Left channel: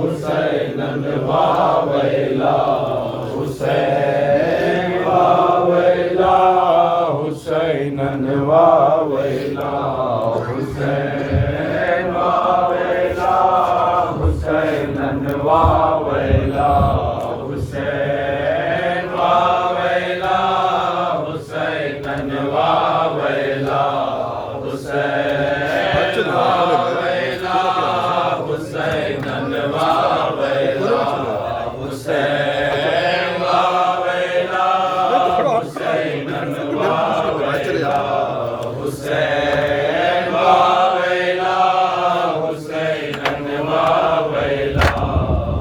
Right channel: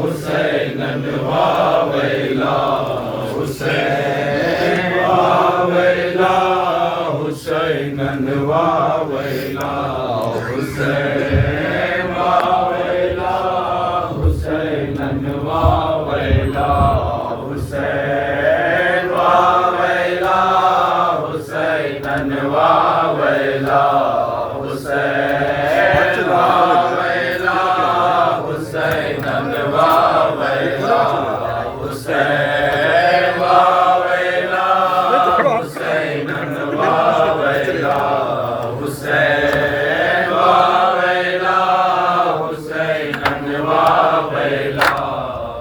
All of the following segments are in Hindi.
हुसैनन वावैला हुसैन वावैला हुसैनन वावैला हुसैन वावैला हुसैनन वावैला हुसैन वावैला हुसैनन वावैला हुसैन वावैला हुसैनन वावैला हुसैन वावैला हुसैनन वावैला हुसैन वावैला हुसैनन वावैला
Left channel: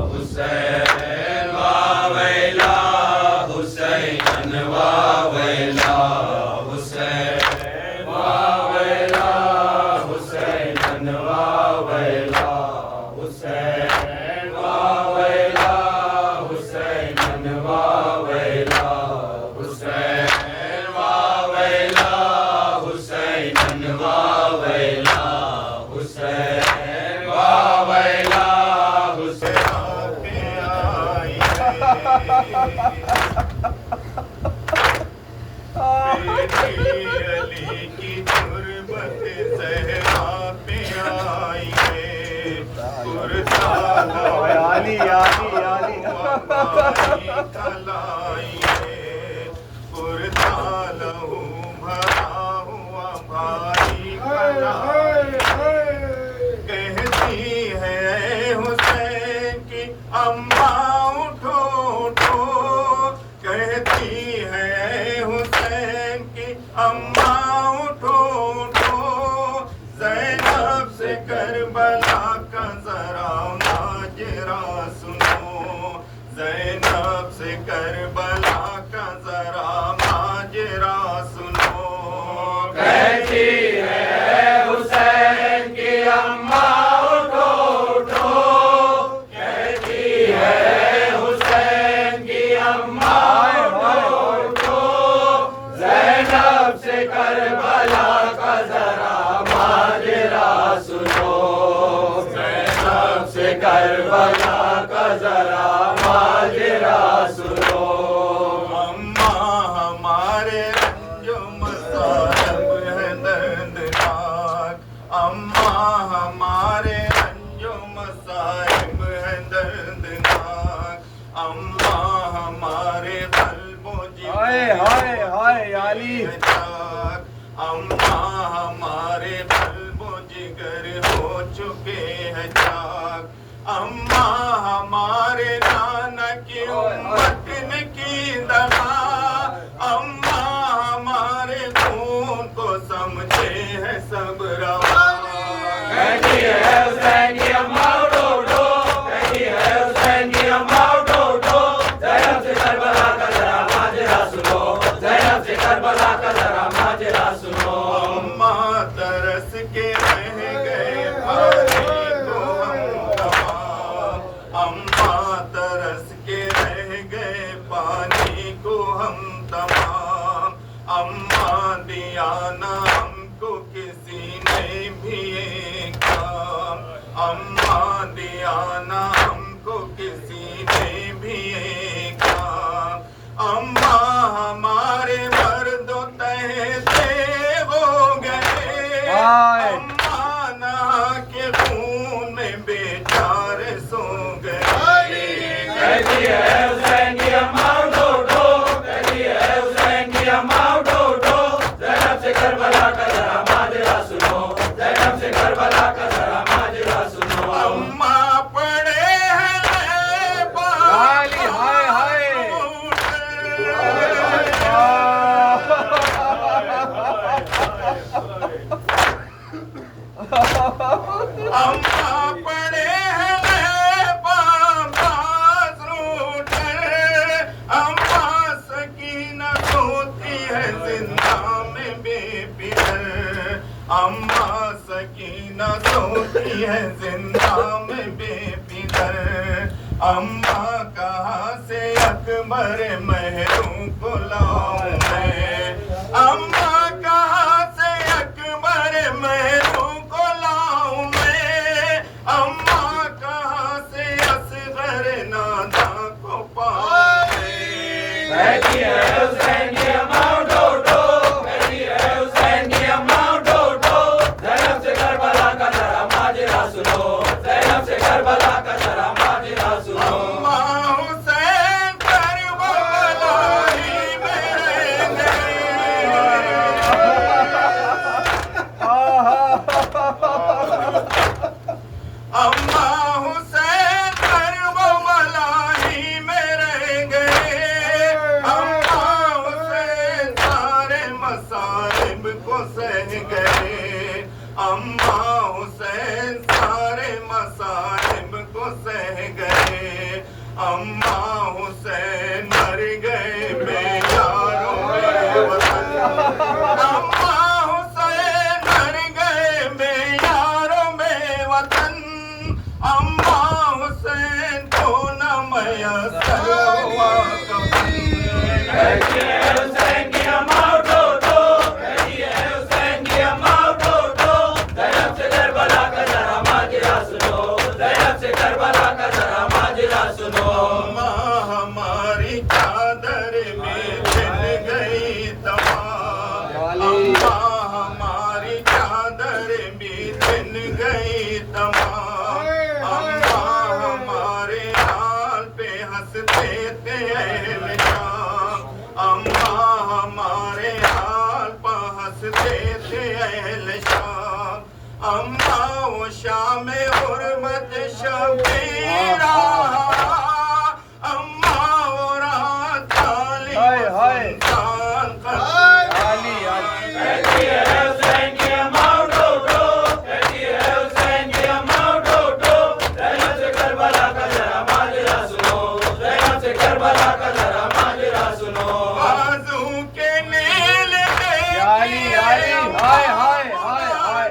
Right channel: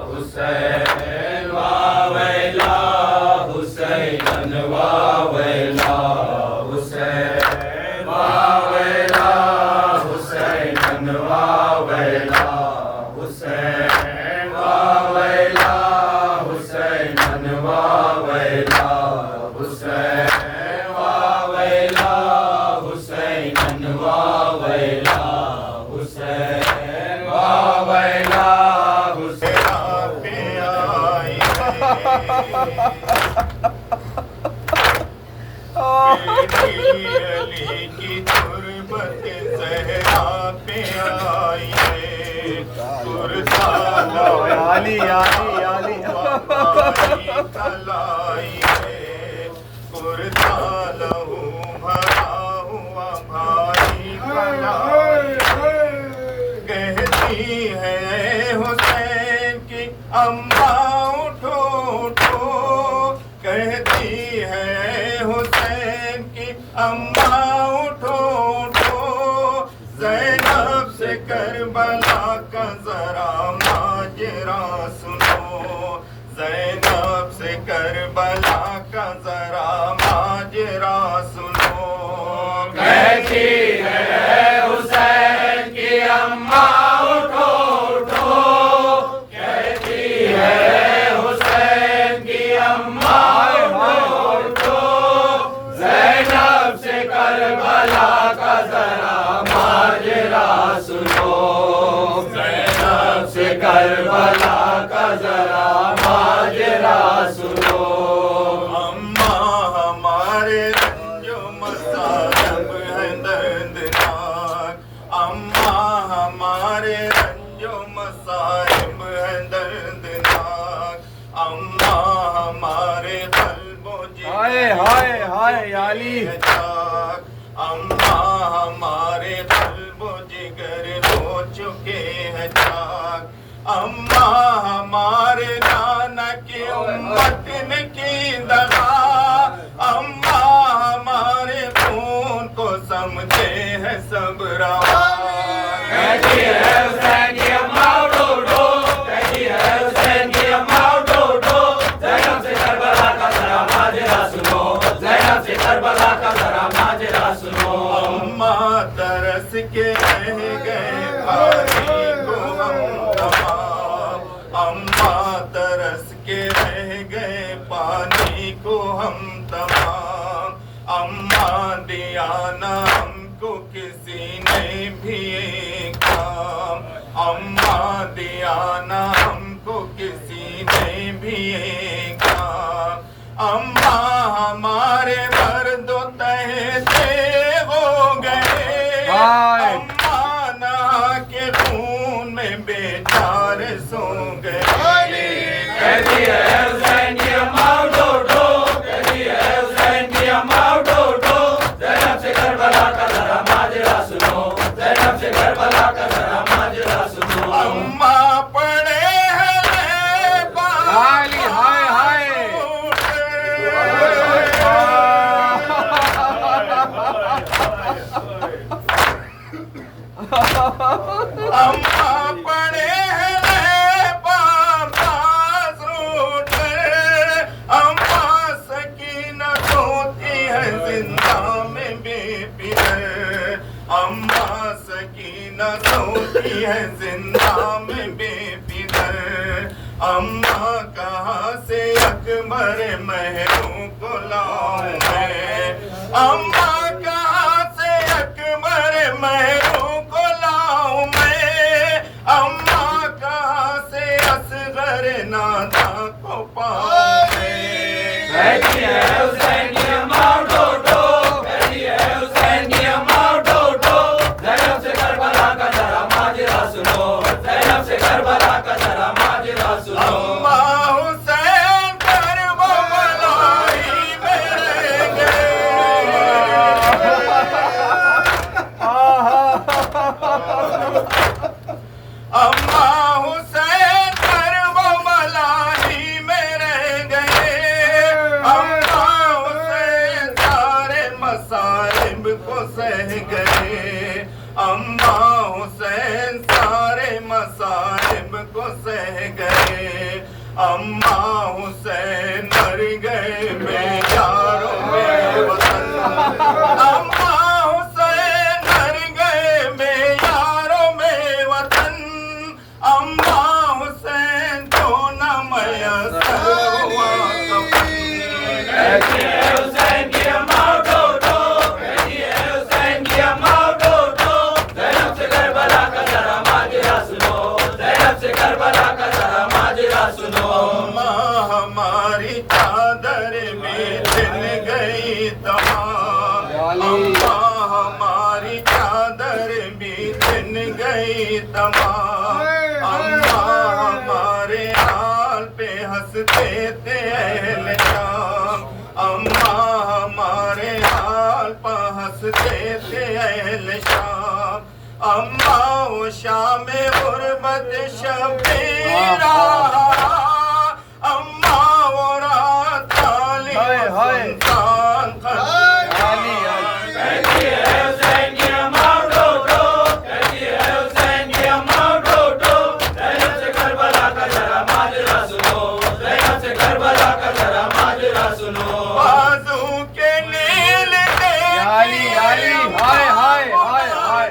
हुसैन वावैला हुसैनन वावैला हुसैन वावैला हुसैनन वावैला हुसैन वावैला हुसैनन वावैला हुसैन वावैला हुसैनन वावैला हुसैन वावैला अली की तुरबत ज़हरा पे आई है आली आली आली तलाई है कुर्तालहू भरा हुआ भाई कहती है हुसैन की अम्मा उठो उठो कहती है हुसैन की अम्मा उठो उठो ज़ैनब से करबला का जरा माजरा सुनो ज़ैनब से करबला का जरा माजरा सुनो कहती है हुसैन की अम्मा उठो उठो कहती है हुसैन की अम्मा उठो उठो ज़ैनब से करबला का जरा माजरा सुनो ज़ैनब से करबला का जरा माजरा सुनो अम्मा हमारे रंजो मसालब है दर्दनाक अम्मा हमारे रंजो मसाइब है दर्दनाक अम्मा हमारे कल्बो हाय आली अम्मा हमारे कल्बो जिगर हो चुके हैं चाक अम्मा हमारे नाना की उम्मत ने की दगा अम्मा हमारे खून को समझे है सब रवा कहती है हुसैन की अम्मा उठो उठो कहती है हुसैन की अम्मा उठो उठो ज़ैनब से करबला का जरा माजरा सुनो ज़ैनब से करबला का जरा माजरा सुनो अम्मा तरस के रह गए भाई को हम तमाम अम्मा तरस के रह गए पानी को हम तमाम अम्मा दिया ना हमको किसी ने भी एक काम अम्मा दिया ना हमको किसी ने भी एक काम अम्मा हमारे मर्दों तहते हो गए अम्मा नहा के खून में बेचारे सो गए कहती है हुसैन की अम्मा उठो उठो कहती है हुसैन की अम्मा उठो उठो ज़ैनब से करबला का जरा माजरा सुनो ज़ैनब से करबला का जरा माजरा सुनो अम्मा पड़े हैं आली हाय हाय अम्मा पड़े हैं पास रूठे अम्मा सकीना सोती है जिंदा में बेफिक्र अम्मा सकीना सोती है जिंदा में बेफिक्र अम्मा कहाँ से अकबर महरों को लाऊं मैं अम्मा कहाँ से अकबर महरों को लाऊं मैं अम्मा कहाँ से नादा को पावे। कहती है हुसैन की अम्मा उठो उठो, कहती है हुसैन की अम्मा उठो उठो, ज़ैनब से करबला का जरा माजरा सुनो, ज़ैनब से करबला का जरा माजरा सुनो। अम्मा हुसैन करबला ही में रहेंगे। अम्मा हुसैन करबला ही में रहेंगे। अम्मा हुसैन सारे मसाइब को सह गए। अम्मा हुसैन सारे मसाइब को सह गए। अम्मा हुसैन मर गए बेयारों में वतन। अम्मा हुसैन मर गए बेयारों में वतन। अम्मा हुसैन तो न मयसर हुआ कफन। कहती है हुसैन की अम्मा उठो उठो, कहती है हुसैन की अम्मा उठो उठो, ज़ैनब से करबला का जरा माजरा सुनो, ज़ैनब से करबला का जरा माजरा सुनो। अम्मा हमारी चादर में छिन गई तमाम। अम्मा हमारी चादर में छिन गई तमाम। अम्मा हमारे हाल पे हंसते थे अहले शाम। अम्मा हमारे हाल पे हंसते थे अहले शाम। अम्मा वो शाम गुर्बत शबीरा। अम्मा वो रात काली सुनसान कहती है हुसैन की अम्मा उठो उठो, कहती है हुसैन की अम्मा उठो उठो, ज़ैनब से करबला का जरा माजरा सुनो, ज़ैनब से करबला का जरा माजरा सुनो। बाजू के नील आली, आली, हाय, हाय, हाय, हाय।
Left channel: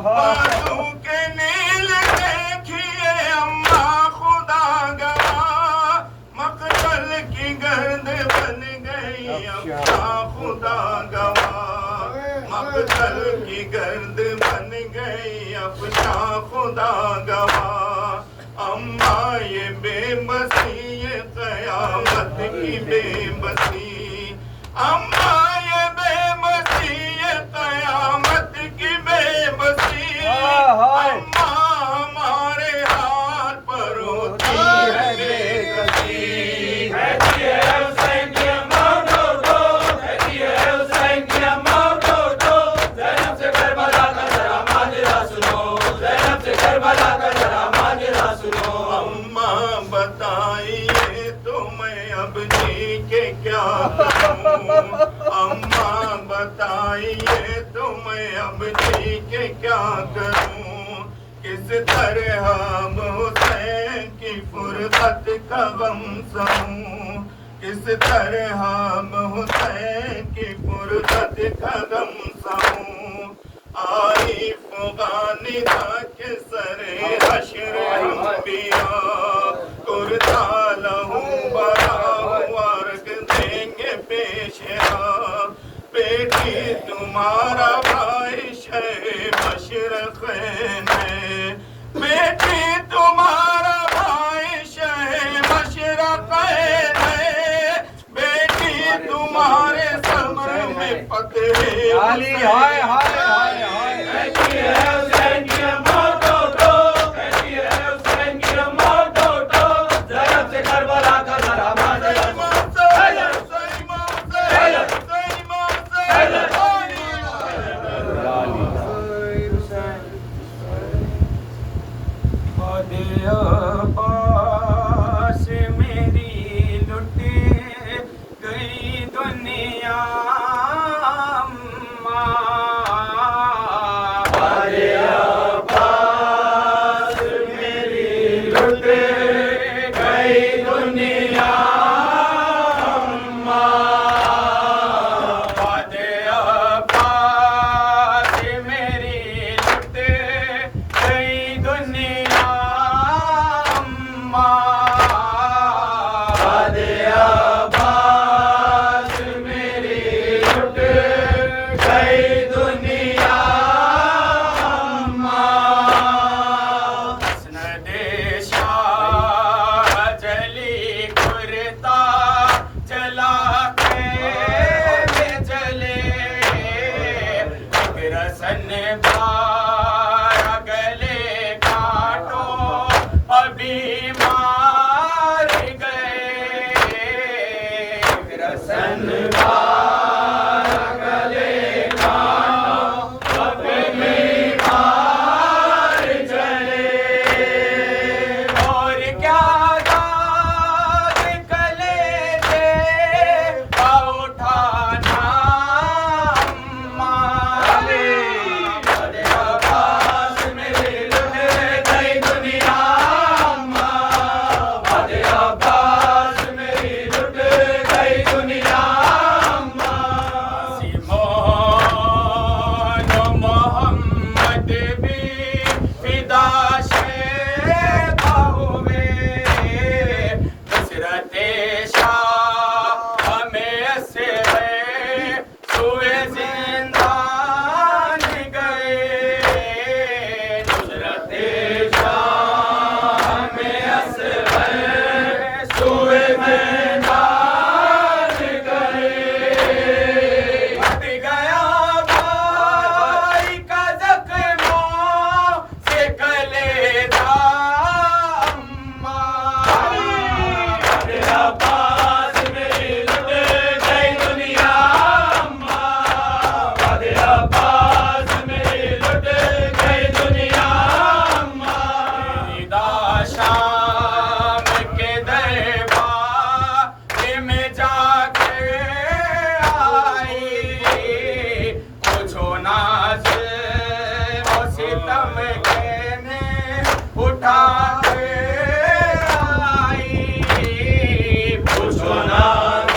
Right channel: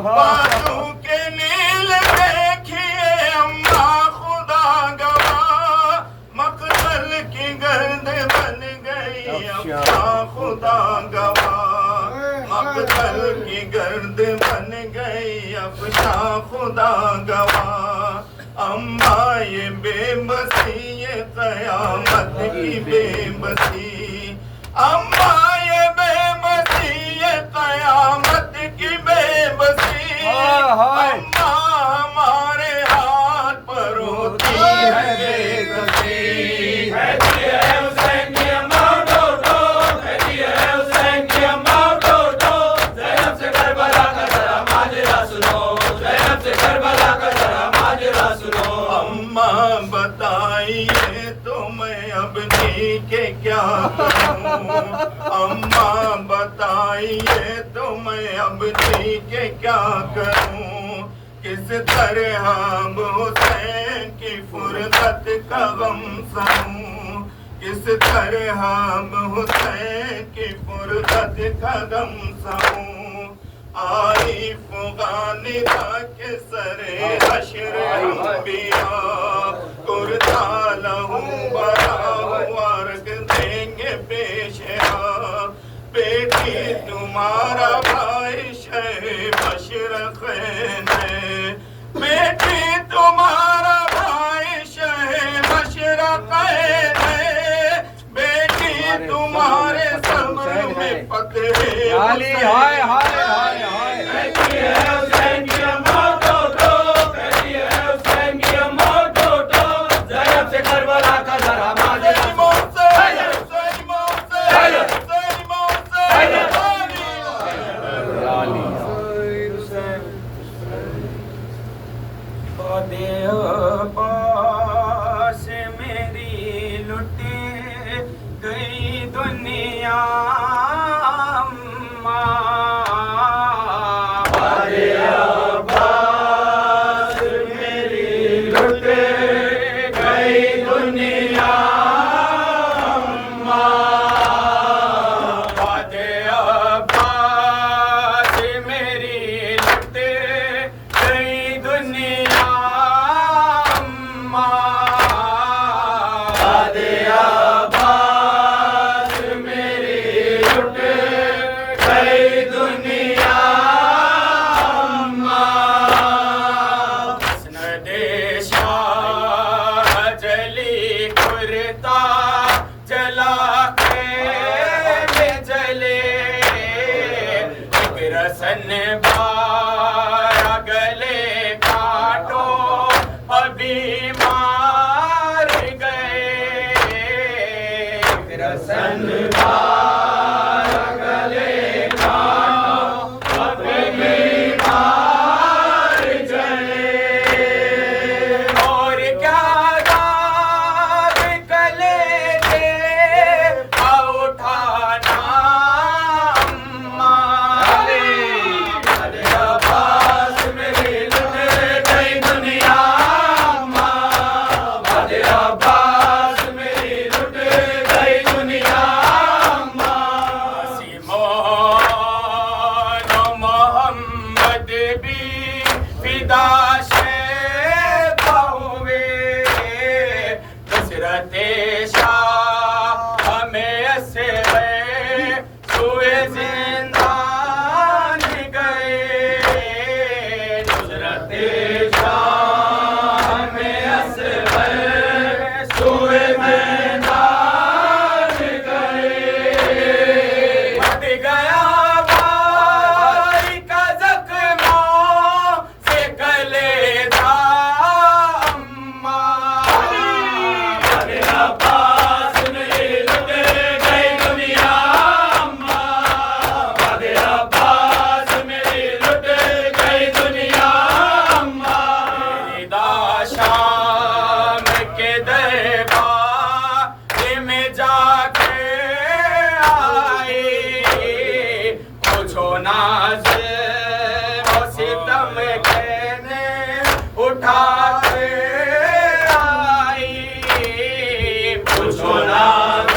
बाजू के नील देखिए अम्मा खुदा गवा। मकतल की गर्द बन गई अम्मा खुदा गवा। मकतल की गर्द बन गई अफशा खुदा गवा। अम्मा ये बेबसी ये कयामत की बेबसी। अम्मा ये बेबसी ये कयामत की बेबसी। अम्मा हमारे हाथ पर होती है बेकसी। कहती है हुसैन की अम्मा उठो उठो, कहती है हुसैन की अम्मा उठो उठो, ज़ैनब से करबला का जरा माजरा सुनो, ज़ैनब से करबला का जरा माजरा सुनो। अम्मा बताइए तो मैं अब जी के क्या करूं। अम्मा बताइए तो मैं अब जी के क्या करूं। किस तरह अब हुसैन की फुर्सत का गम सहूं। किस तरह अब हुसैन की फुर्सत का गम सहूं। आई फुगानी तक सरे हशर अंबिया। कुर्ता लहू बराहु अर्ग देंगे पेशवा। बेटी तुम्हारा भाई शह मशरक़ैन में। बेटी तुम्हारा भाई शह मशरक़ैन में। बेटी तुम्हारे सब्र में पकड़े आली, हाय, हाय, हाय, हाय। कहती है हुसैन की अम्मा उठो उठो, कहती है हुसैन की अम्मा उठो उठो, ज़ैनब से करबला का जरा माजरा सुनो। पास मेरी लुट गई दुनिया। लुट गई दुनिया वादे अब्बास मेरी लुट गई दुनिया। वादे अब्बास मेरी लुट गई रसन बाया गले काटो अभी मार गए रसन बाया गले काटो अभी मार गए और क्या दाग गले के उठाना अम्मा बदे अब्बास मेरी लुट गई दुनिया अम्मा बदे अब्बास मेरी लुट गई दुनिया अम्मा सिमोन मोहम्मद भी फिदा से हुए हजरत शाह हमें ऐसे सुए जिंदान गए हजरत शाह हमें ऐसे सुए जिंदान गए हट गया भाई का जख्मा से कलेजा अम्मा बदे अब्बास मेरी लुट गई दुनिया अम्मा बदे अब्बास मेरी लुट गई दुनिया अम्मा शाम के दरबार में जाके आई कुछो नाज सितम कहने उठा के आई पूछो नाज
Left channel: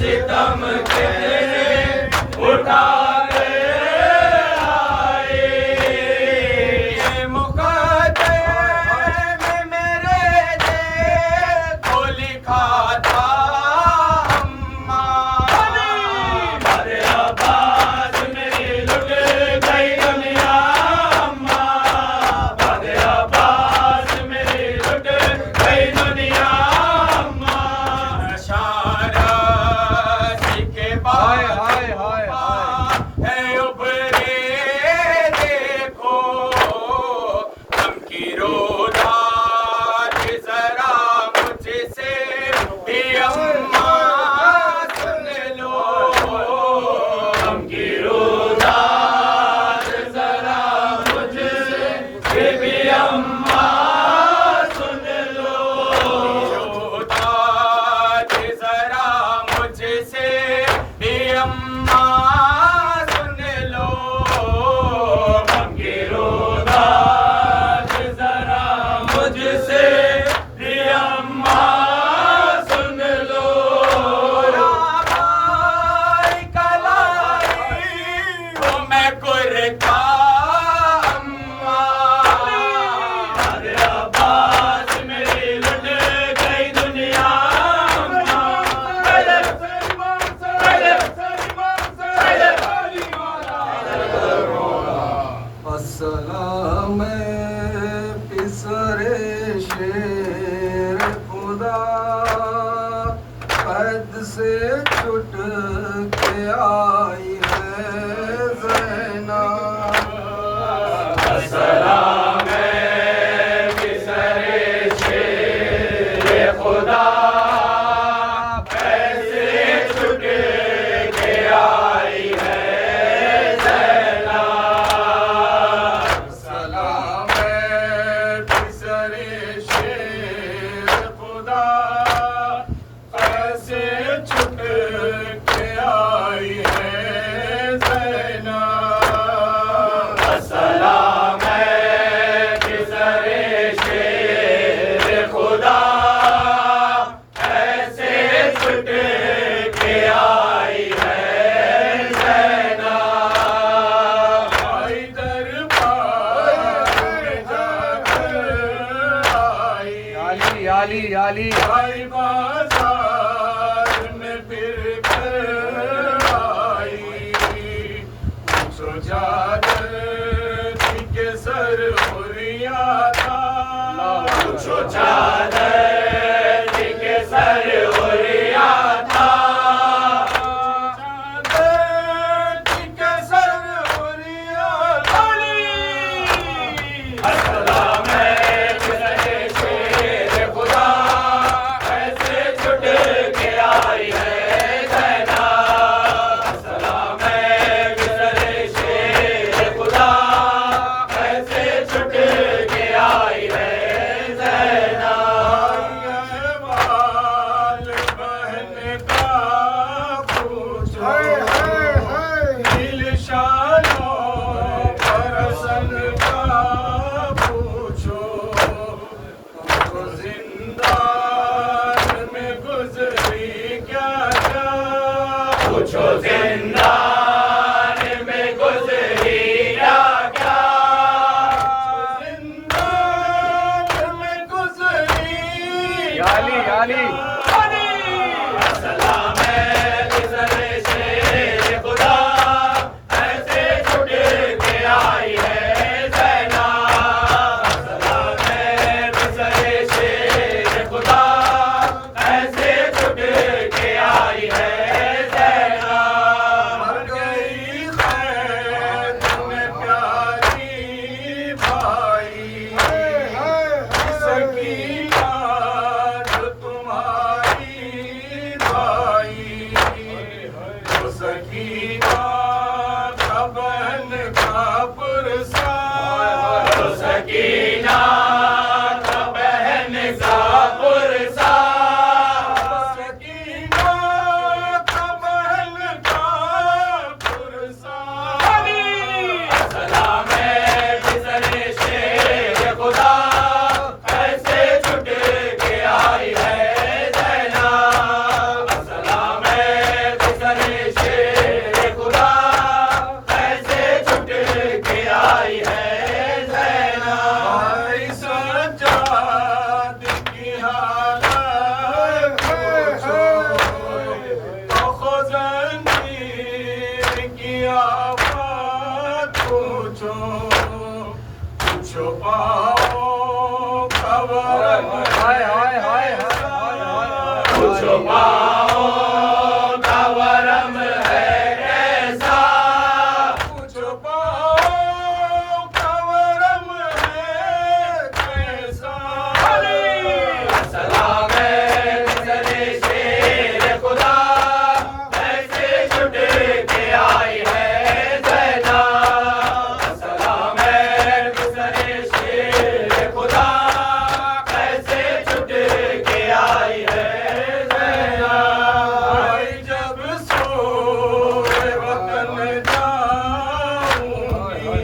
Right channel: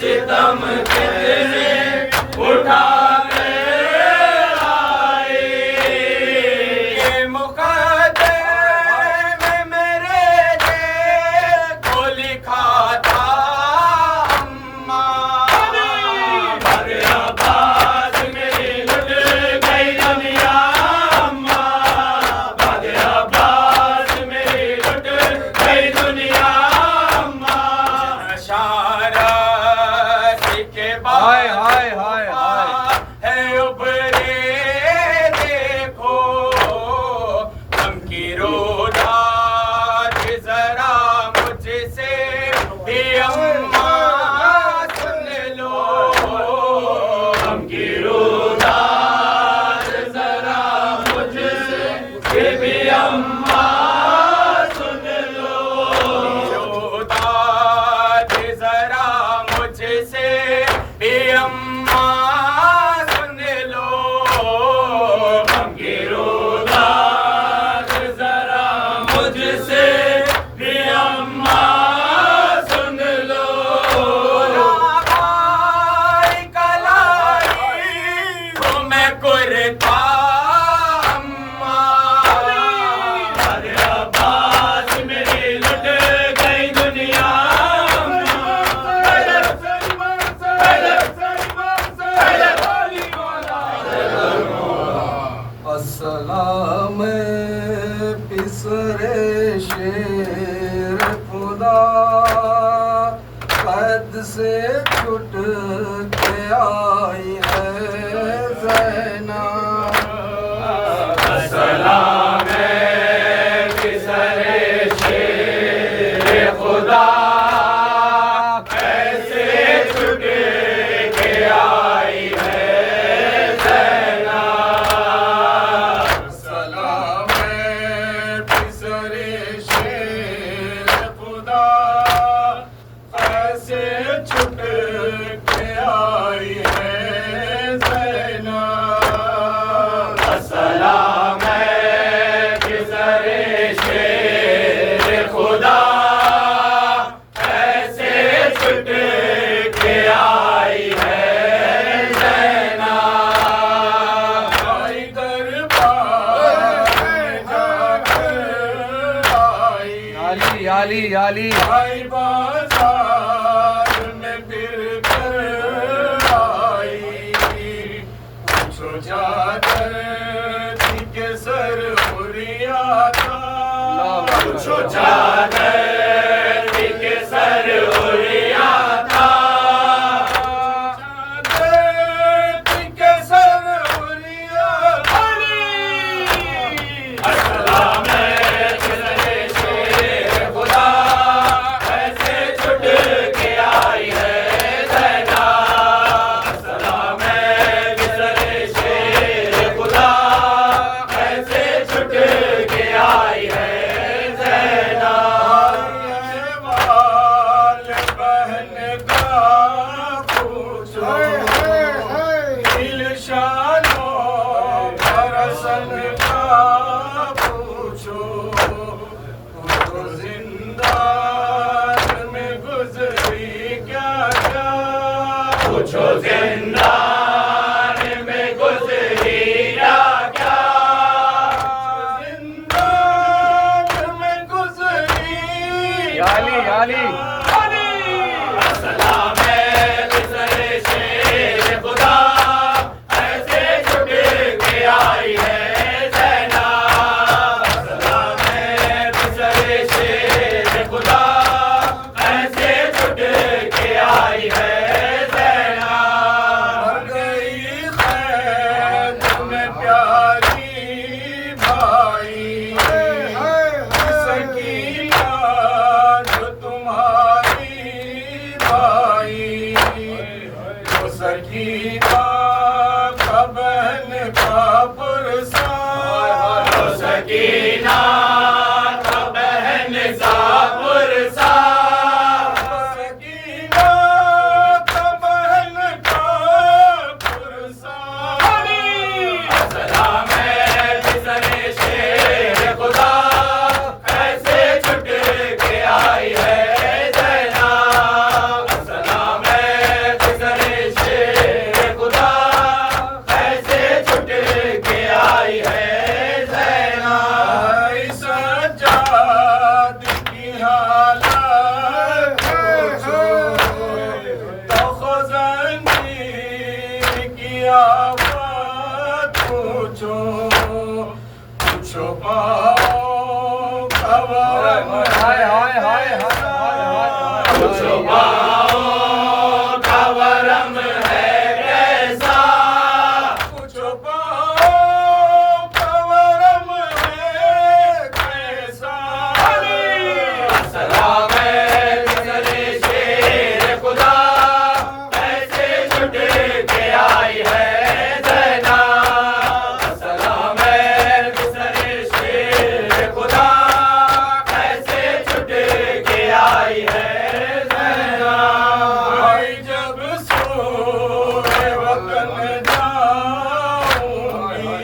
सितम कहने उठा के आए ये मुकद्दमे में मेरे को लिखा था अम्मा बदे अब्बास मेरी लुट गई दुनिया अम्मा बदे अब्बास मेरी लुट गई दुनिया अम्मा शारस के हाय बाद हाय हाय हाय है उभरे देखो हम की रोदात जरा मुझसे ही अम्मा सुन लो हम की रोदात जरा मुझसे ये भी अम्मा सुन लो रोदात जरा मुझसे ही अम्मा सुन लो हम की रोदात जरा मुझसे भी अम्मा सुन लो भाई कलाई वो मैं कुर्ता अम्मा बदे अब्बास मेरी लुट गई दुनिया अम्मा अस्सलाम पिसरे शेर खुदा कद से छुट के आई है ज़ैना सलाम किसरे शेर खुदा कैसे छुट के आई है ज़ैना सलाम पिसरे शेर खुदा कैसे छुट के आई है ज़ैना सलाम किसरे शेर खुदा कैसे छुट के आई है ज़ैना आई दरबार में जाकर आई आली आली आई बाजार में फिर कर आई पूछो जाकर थी के सर उरिया था पूछो चादर के सर उड़िया था चादर के सर पूछो जिंदान में गुजरी या क्या, जिंदान में गुजरी याली याली सलाम है गुजरे शेर खुदा, ऐसे छुट के आई है ज़ैना। सलाम है गुजरे शेर खुदा, ऐसे छुट के आई है ज़ैना। मर गई खैर में प्यारी भाई, सकीना जो तुम्हारी भाई, वो सकीना का बहन का पुरसा, वो सकीना का बहन का पुरसा, सकीना का बहन का पुरसा। सलाम है गुजरे शेर खुदा, ऐसे छुट के आई है ज़ैना। सलाम है गुजरे शेर खुदा, ऐसे छुट के आई है ज़ैना। आई सज्जाद की हालत पूछो, तो ख़ज़ानी की आफत पूछो, पूछो पाओ खबर हाय हाय हाय पूछो पाओ का वरम है कैसा, पूछो पाओ खबरम है कैसा। सलाम है गुजरे शेर खुदा, ऐसे छुट के आई है ज़ैना। सलाम है गुजरे शेर खुदा, ऐसे छुट के आई है ज़ैना। भाई जब सोए वतन जाऊंगी,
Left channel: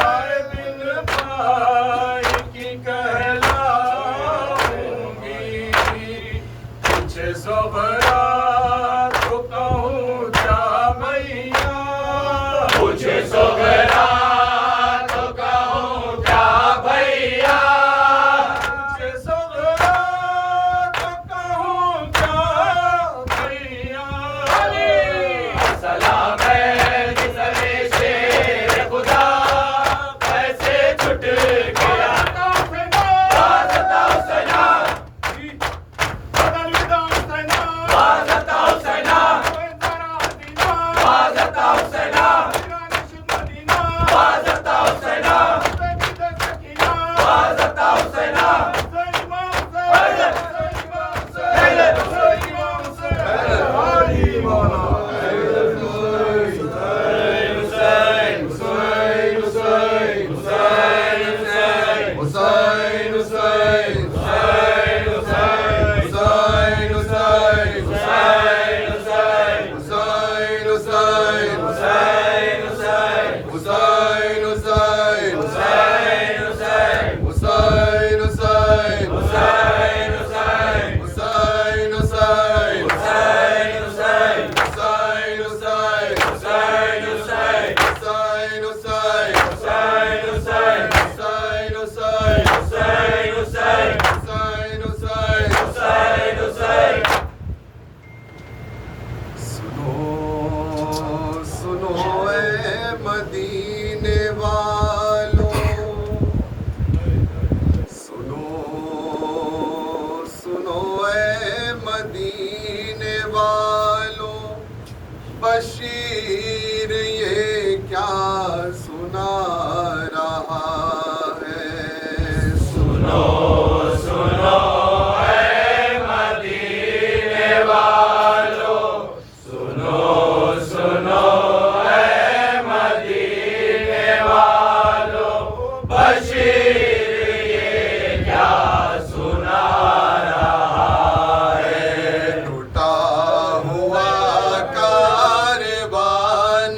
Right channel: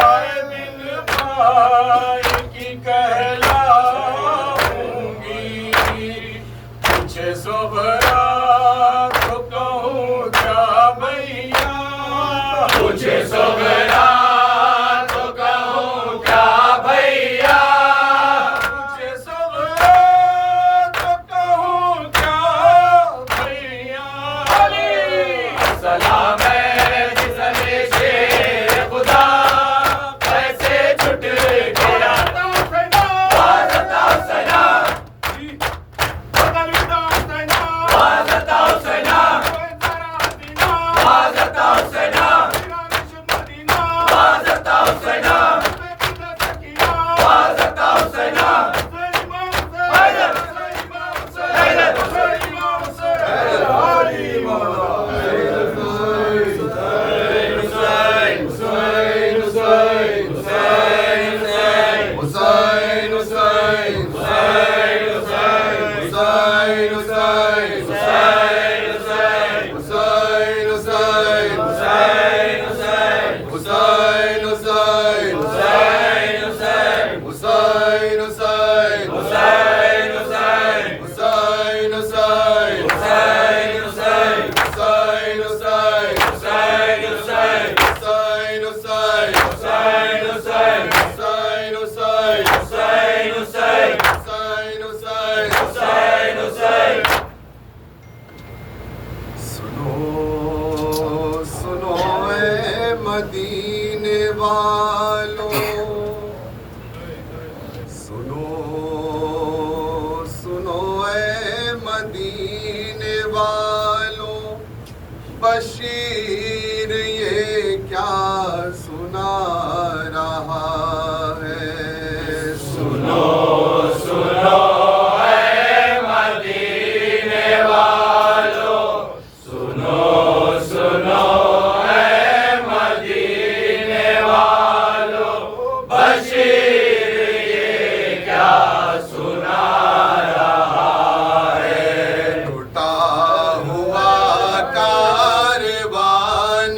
आए बिन भाई की कहलाऊंगी, पीछे सोबरा तो कहूँ क्या भैया, मुझे सोगरा तो कहूँ क्या भैया, पीछे सोबरा तो कहूँ क्या भैया। सलाम है गुजरे शेर खुदा, ऐसे छुट गया वाजता सना, वाजता सना, वाजता सना, वाजता सना, वाजता सना, मदीने वालों, सुनो सुनो ऐ मदीने वालों, बशीर ये क्या सुना रहा है। सुनो सुनो ऐ मदीने वालों, सुनो सुनो ऐ मदीने वालों, बशीर ये क्या सुना रहा है। टूटा हुआ कारवान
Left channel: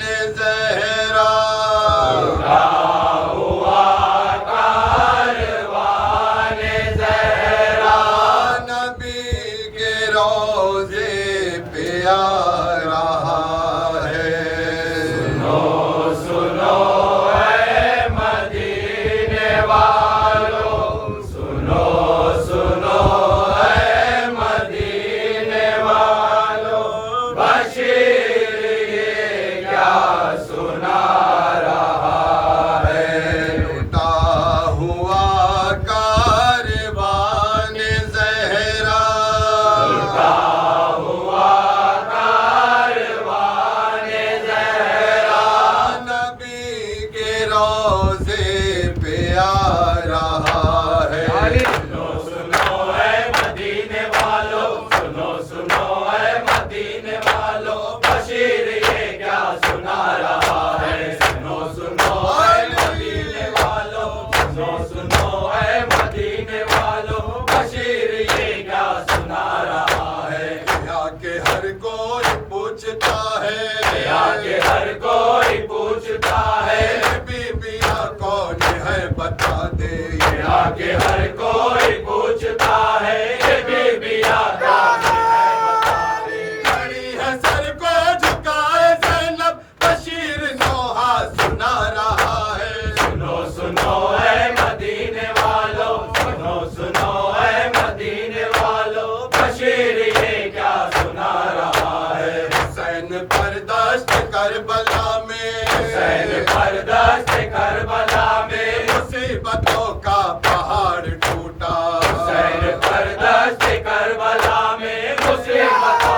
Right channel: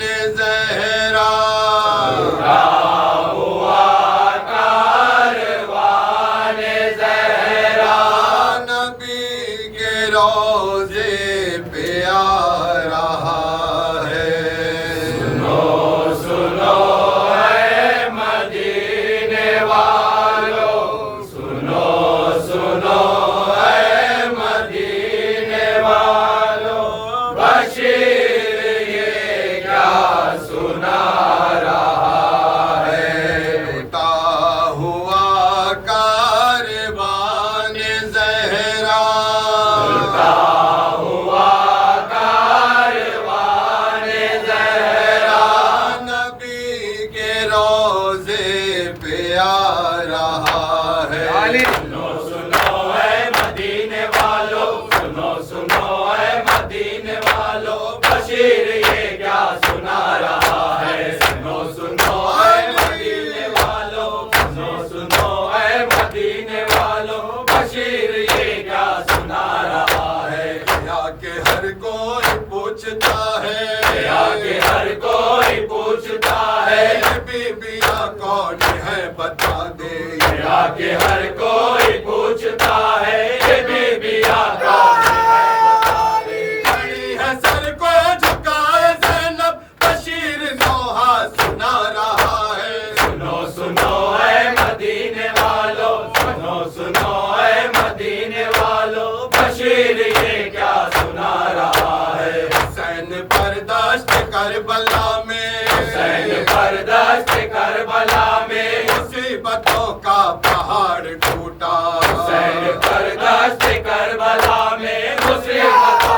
करबला में, हुसैन पर दस्त करबला में, मुसीबतों का पहाड़ टूटा। हुसैन पर दस्त करबला में, मुसीबतों का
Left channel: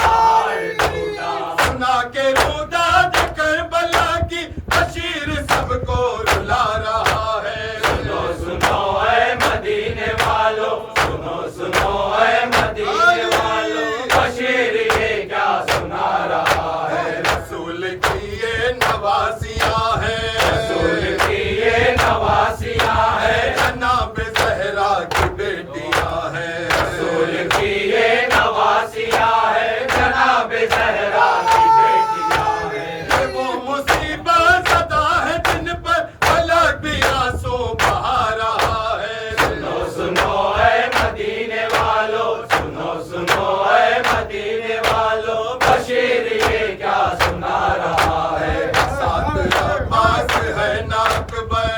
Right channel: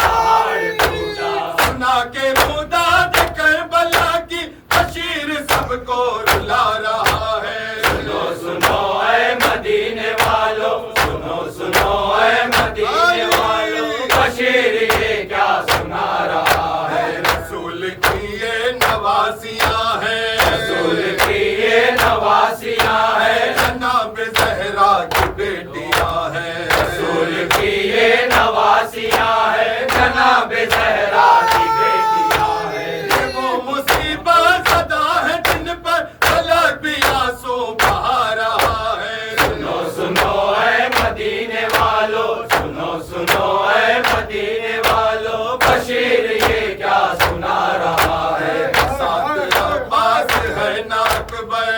पहाड़ टूटा। सुना के मुदाद करबला की बशीर सबको रुला रहा है। सुनो सुनो ऐ मदीने वालों, सुनो सुनो ऐ मदीने वालों, बशीर ये क्या सुना रहा है। रसूल की ये नवासियाँ हैं, रसूल की ये नवासियाँ हैं, जनाब ज़हरा की बेटियाँ हैं। रसूल की ये नवासियाँ हैं, जनाब ज़हरा की बेटियाँ हैं। ये वो मुसीबत ज़दा है जिन पर फलक भी आंसू बहा रहा है। सुनो सुनो ऐ मदीने वालों, सुनो सुनो ऐ मदीने वालों, बशीर ये क्या सुना रहा है। साथ अब्बास है ना अकबर,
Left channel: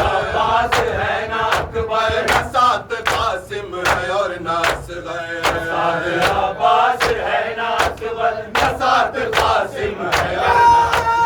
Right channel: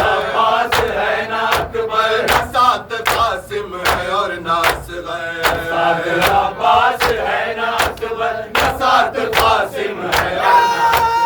अब्बास है ना अकबर, साथ कासिम है और ना असगर। साथ अब्बास है ना अकबर, साथ कासिम है ना अकबर।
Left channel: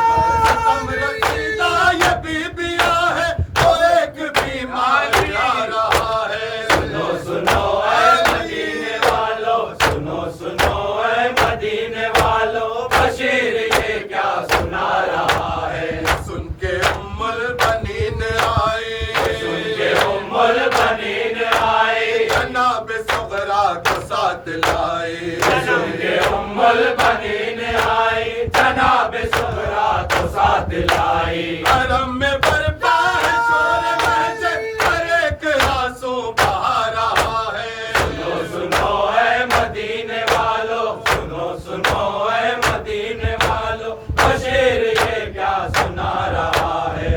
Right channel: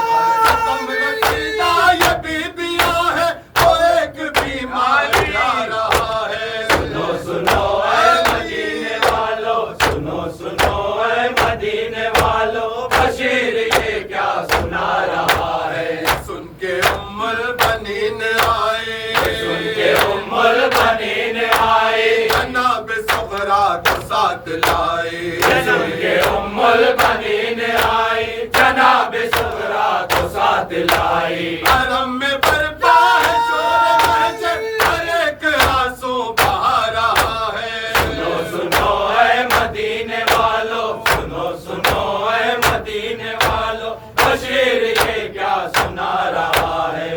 खत्म रशीदा ये बीबियाँ है और एक बीमार आ रहा है। सुनो सुनो ऐ मदीने वालों, सुनो सुनो ऐ मदीने वालों, बशीर ये क्या सुना रहा है। सुन के उम्मुल बनीन आए, सुन के उम्मुल बनीन आए, जनाब सुगरा को साथ लाए। जन्म के उम्मुल बनीन आए, जनाब सुगरा को साथ लाई। हरम में बरपा है शोर महजर, हर एक आंसू बहा रहा है। सुनो सुनो ऐ मदीने वालों, सुनो सुनो ऐ मदीने वालों, बशीर ये क्या सुना रहा है।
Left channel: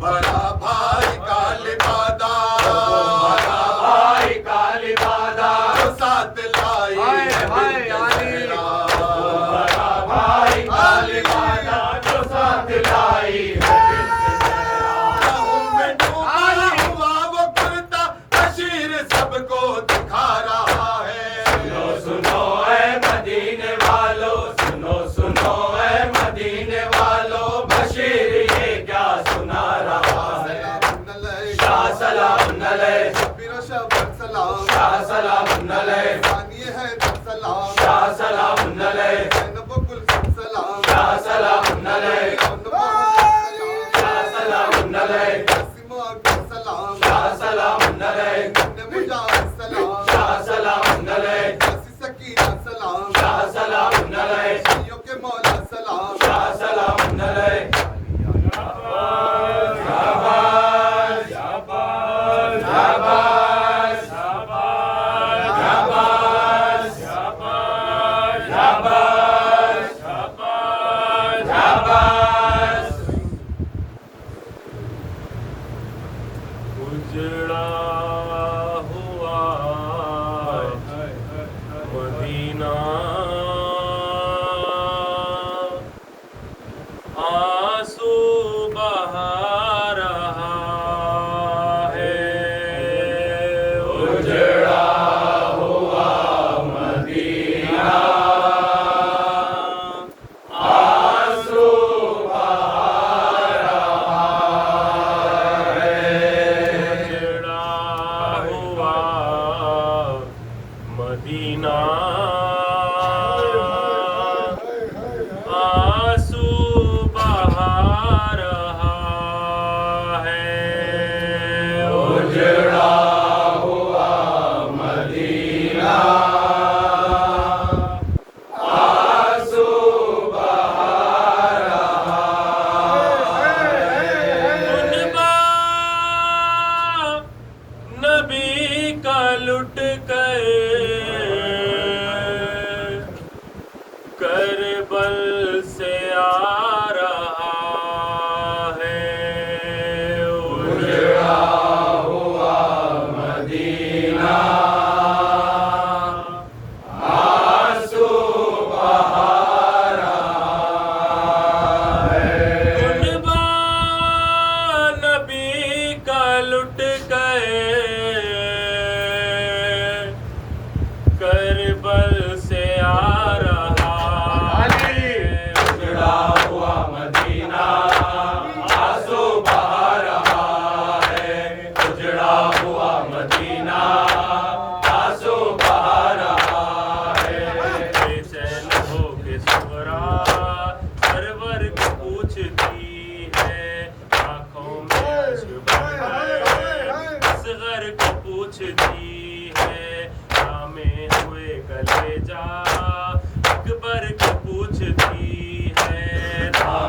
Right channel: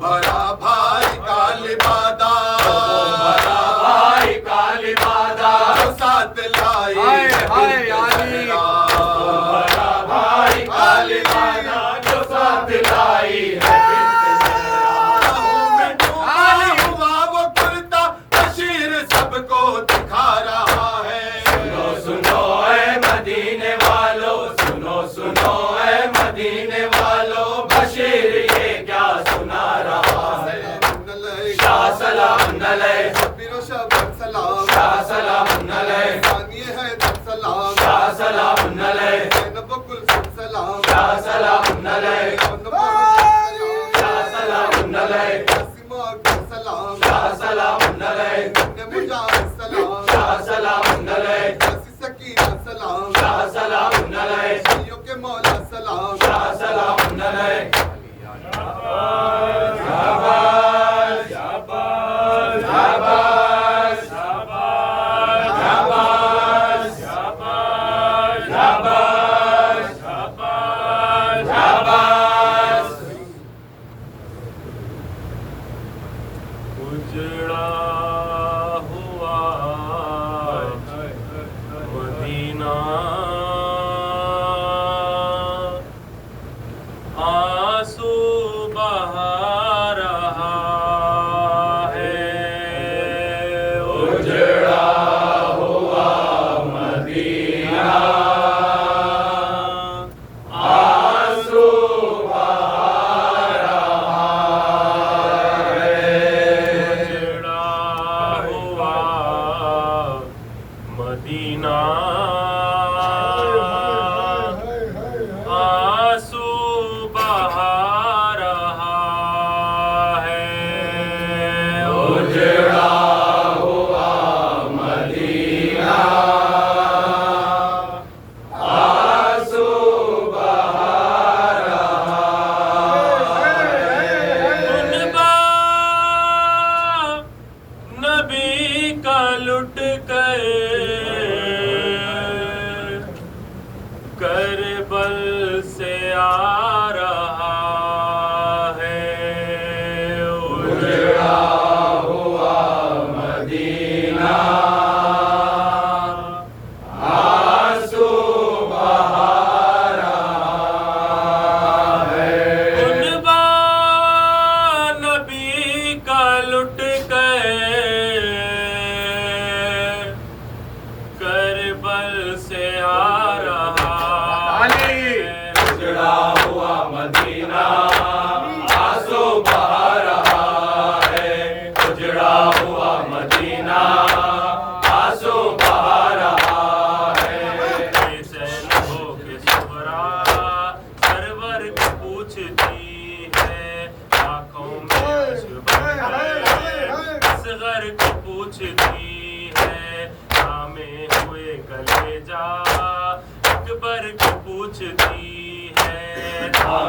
भरा भाई का लिबादा, बड़ा भाई का लिबादा, जो साथ लाई है बिन बड़ा भाई का लिबादा, जो साथ लाई है बिन ज़हरा। में डूबा हुआ वो कुर्ता बशीर सबको दिखा रहा है। सुनो सुनो ऐ मदीने वालों, सुनो सुनो ऐ मदीने वालों, बशीर ये क्या सुना रहा है। शाह सलाम अलैह, सलाम शाह सलाम अलैह, है सलाम शाह सलाम अलैह, बकुल सलाम शाह सलाम अलैह, शाह सलाम अलैह, सलाम शाह सलाम अलैह, सलाम शाह सलाम अलैह, सकीना सलाम शाह सलाम अलैह, के मौला सलाम शाह सलाम अलैह। शाबाश शाबाश शाबाश शाबाश शाबाश शाबाश शाबाश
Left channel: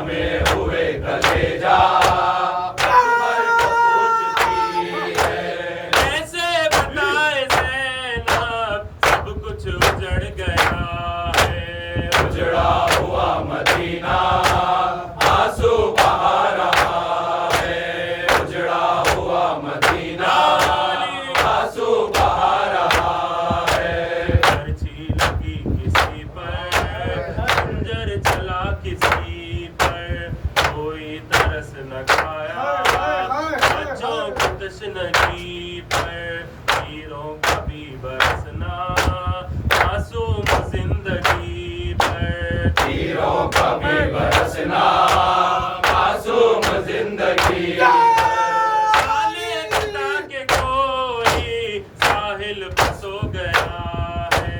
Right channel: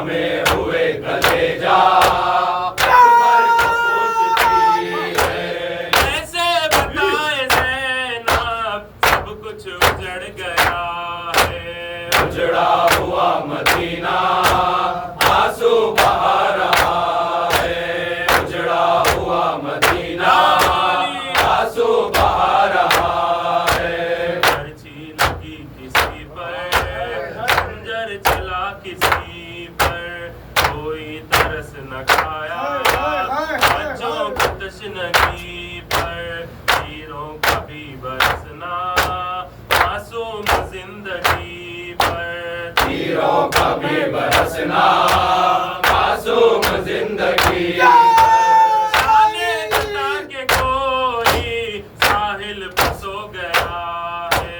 में हुए कलेजा अकबर को पूछती है। ऐसे बताए ज़ैनब सब कुछ उजड़ गया है। उजड़ा हुआ मदीना आंसू बहा रहा है। उजड़ा हुआ मदीना आंसू बहा रहा है। पर्ची लगी किसी पर, खंजर चला किसी पर, कोई तरस न खाया बच्चों की तशनगी पर। तीरों का भी बरसना मासूम जिंदगी पर। तीरों का भी बरसना मासूम जिंदगी शाने खुदा के कोई साहिल पर सो गया है।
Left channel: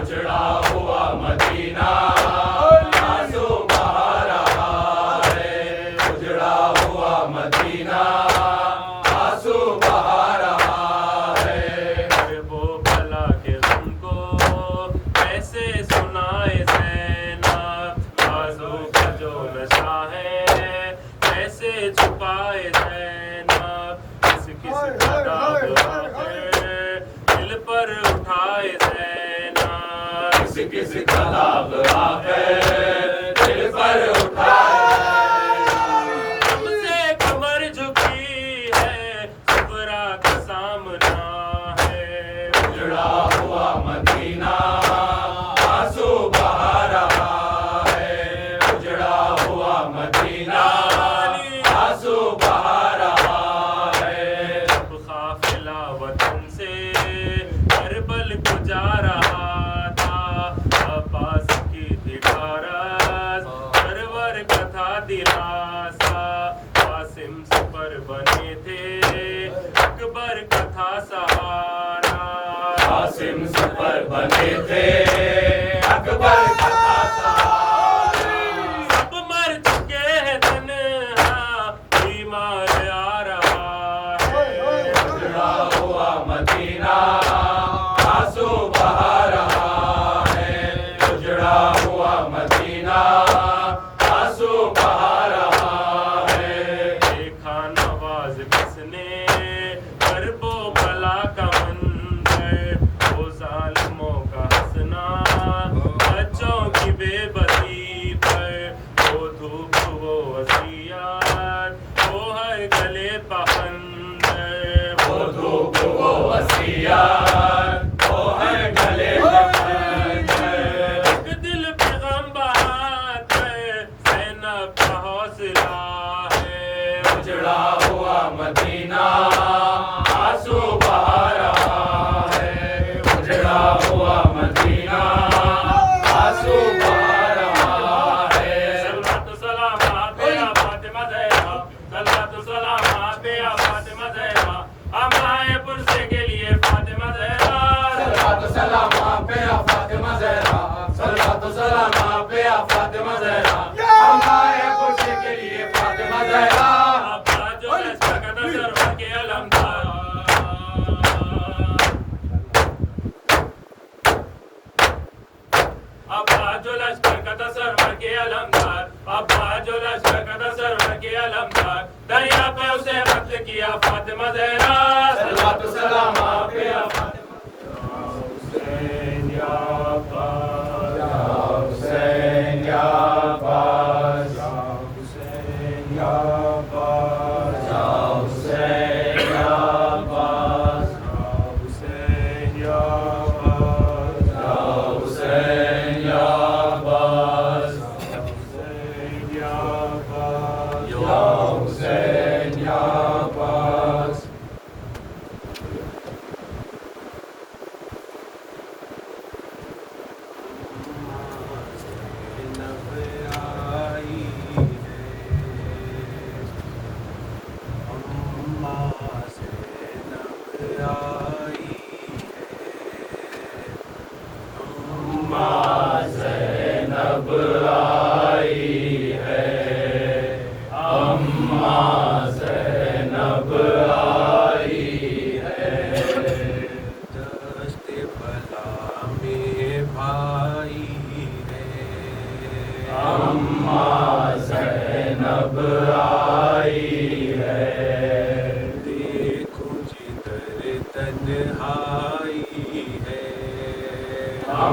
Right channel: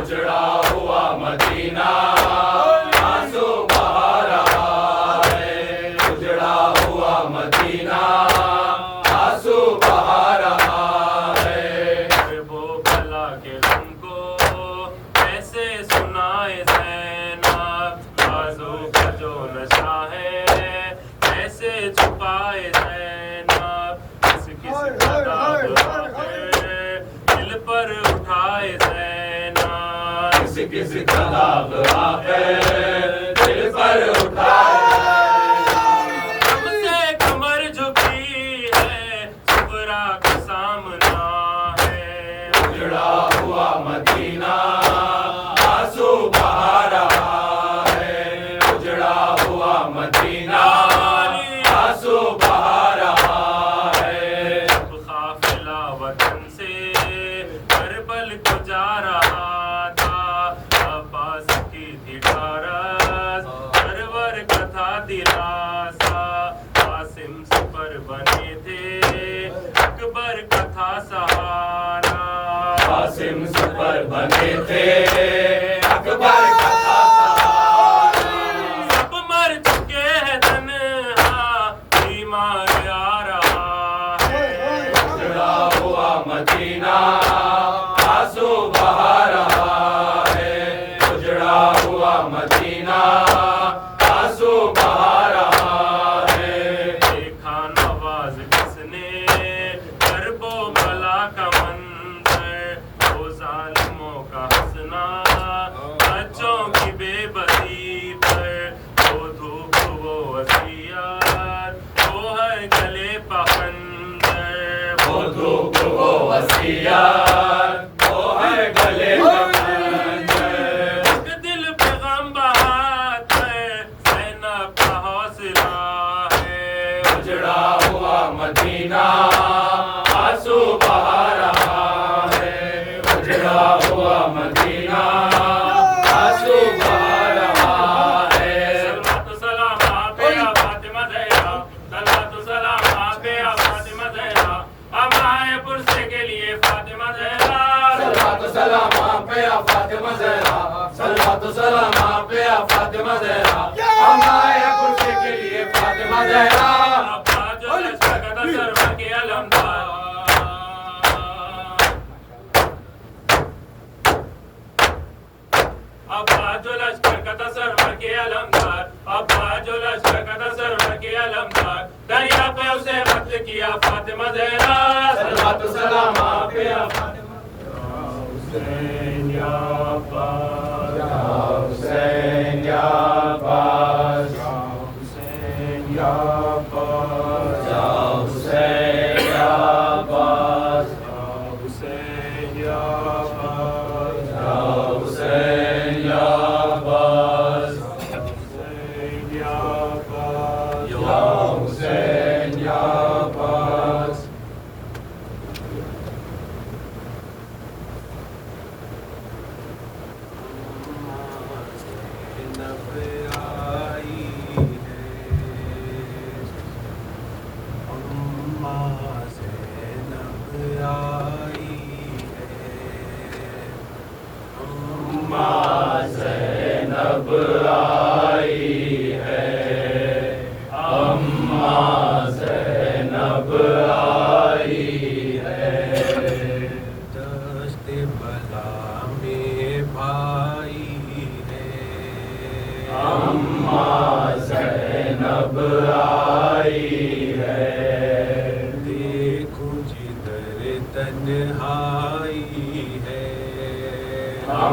उजड़ा हुआ मदीना आंसू बहा रहा है। उजड़ा हुआ मदीना आंसू बहा रहा है। वो भला के तुमको कैसे सुनाए ज़ैनब, बाजू का जो नशा है कैसे छुपाए ज़ैनब। किस किस किताब है दिल पर उठाए ज़ैनब। किसी किसी कलाब आकर दिल पर उठाए। तुमसे कमर झुकी है सुगरा का सामना है। उजड़ा हुआ मदीना आंसू बहा रहा है। उजड़ा हुआ मदीना आंसू बहा रहा है। काफिला वतन से करबल को जा रहा था। अब्बास की दीवारत सरवर कथा दिलासा। कासिम सफर बने थे अकबर कथा सहारा। कासिम सफर बने थे अकबर कथा सहारा। सब मर चुके हैं तन्हा बीमार आ रहा है। उजड़ा हुआ मदीना आंसू बहा रहा है। उजड़ा हुआ मदीना आंसू बहा रहा है। देखा नवाज किसने करबो भला का मंजर। वो जालिमों का हंसना बच्चों की बेबसी पर। वो धूप वो वसीयत वो हर गले पखंदर। वो धूप वो वसीयत वो हर गले में बंधे। एक दिल पे गम बहात है ज़ैनब का हौसला है। उजड़ा हुआ मदीना आंसू बहा रहा है। उजड़ा हुआ मदीना आंसू बहा रहा है। सलातो सलाम आप या फातिमा ज़हरा। सलातो सलाम आप या फातिमा ज़हरा। अमाए पुरसे के लिए फातिमा ज़हरा। सलातो सलाम आप पे आ फातिमा ज़हरा। सलातो सलाम आप पे आ फातिमा ज़हरा। हम आए खुशी के लिए फातिमा ज़हरा। अब्बा जो लश्कर का सरवर के अलमदार। अब्बा जो लश्कर का सरवर के अलमदार। अब्बा जो लश्कर का सरवर के अलमदार। दरिया पे उसे वक्त किया फातिमा ज़हरा। सलातो सलाम आप पे आ हुसैन या अब्बास। हुसैन या अब्बास। हुसैन या अब्बास। हुसैन या अब्बास। हुसैन या अब्बास। हुसैन या अब्बास। हुसैन या अब्बास। हुसैन या अब्बास।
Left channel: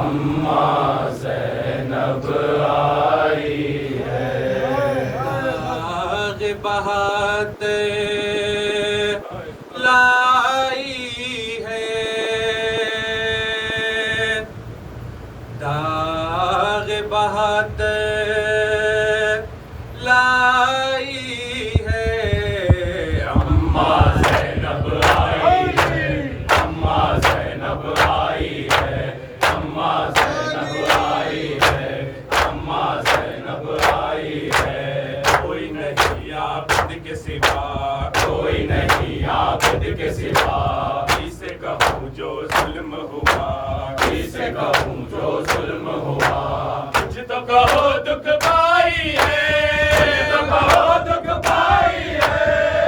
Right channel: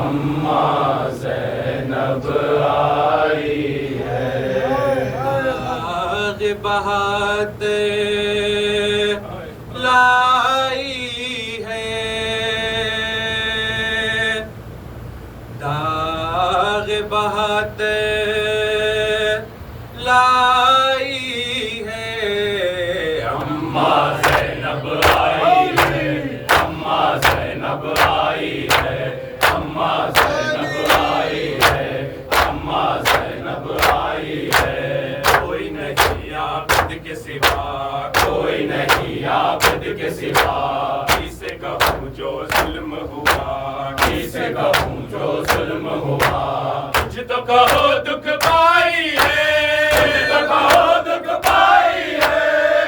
अम्मा ज़ैनब आई है। दाग बहात लाई है, दाग बहात लाई है। अम्मा ज़ैनब आई है, अम्मा ज़ैनब आई है, अम्मा ज़ैनब आई है, अम्मा ज़ैनब आई है। कोई नहीं आबिद के सिवा, कोई नहीं आबिद के सिवा, किसे कहूँ जो जुल्म हुआ, किसे कहूँ जो जुल्म हुआ। कुछ तो कहो दुख पाई है, तो कहो दुख पाई है,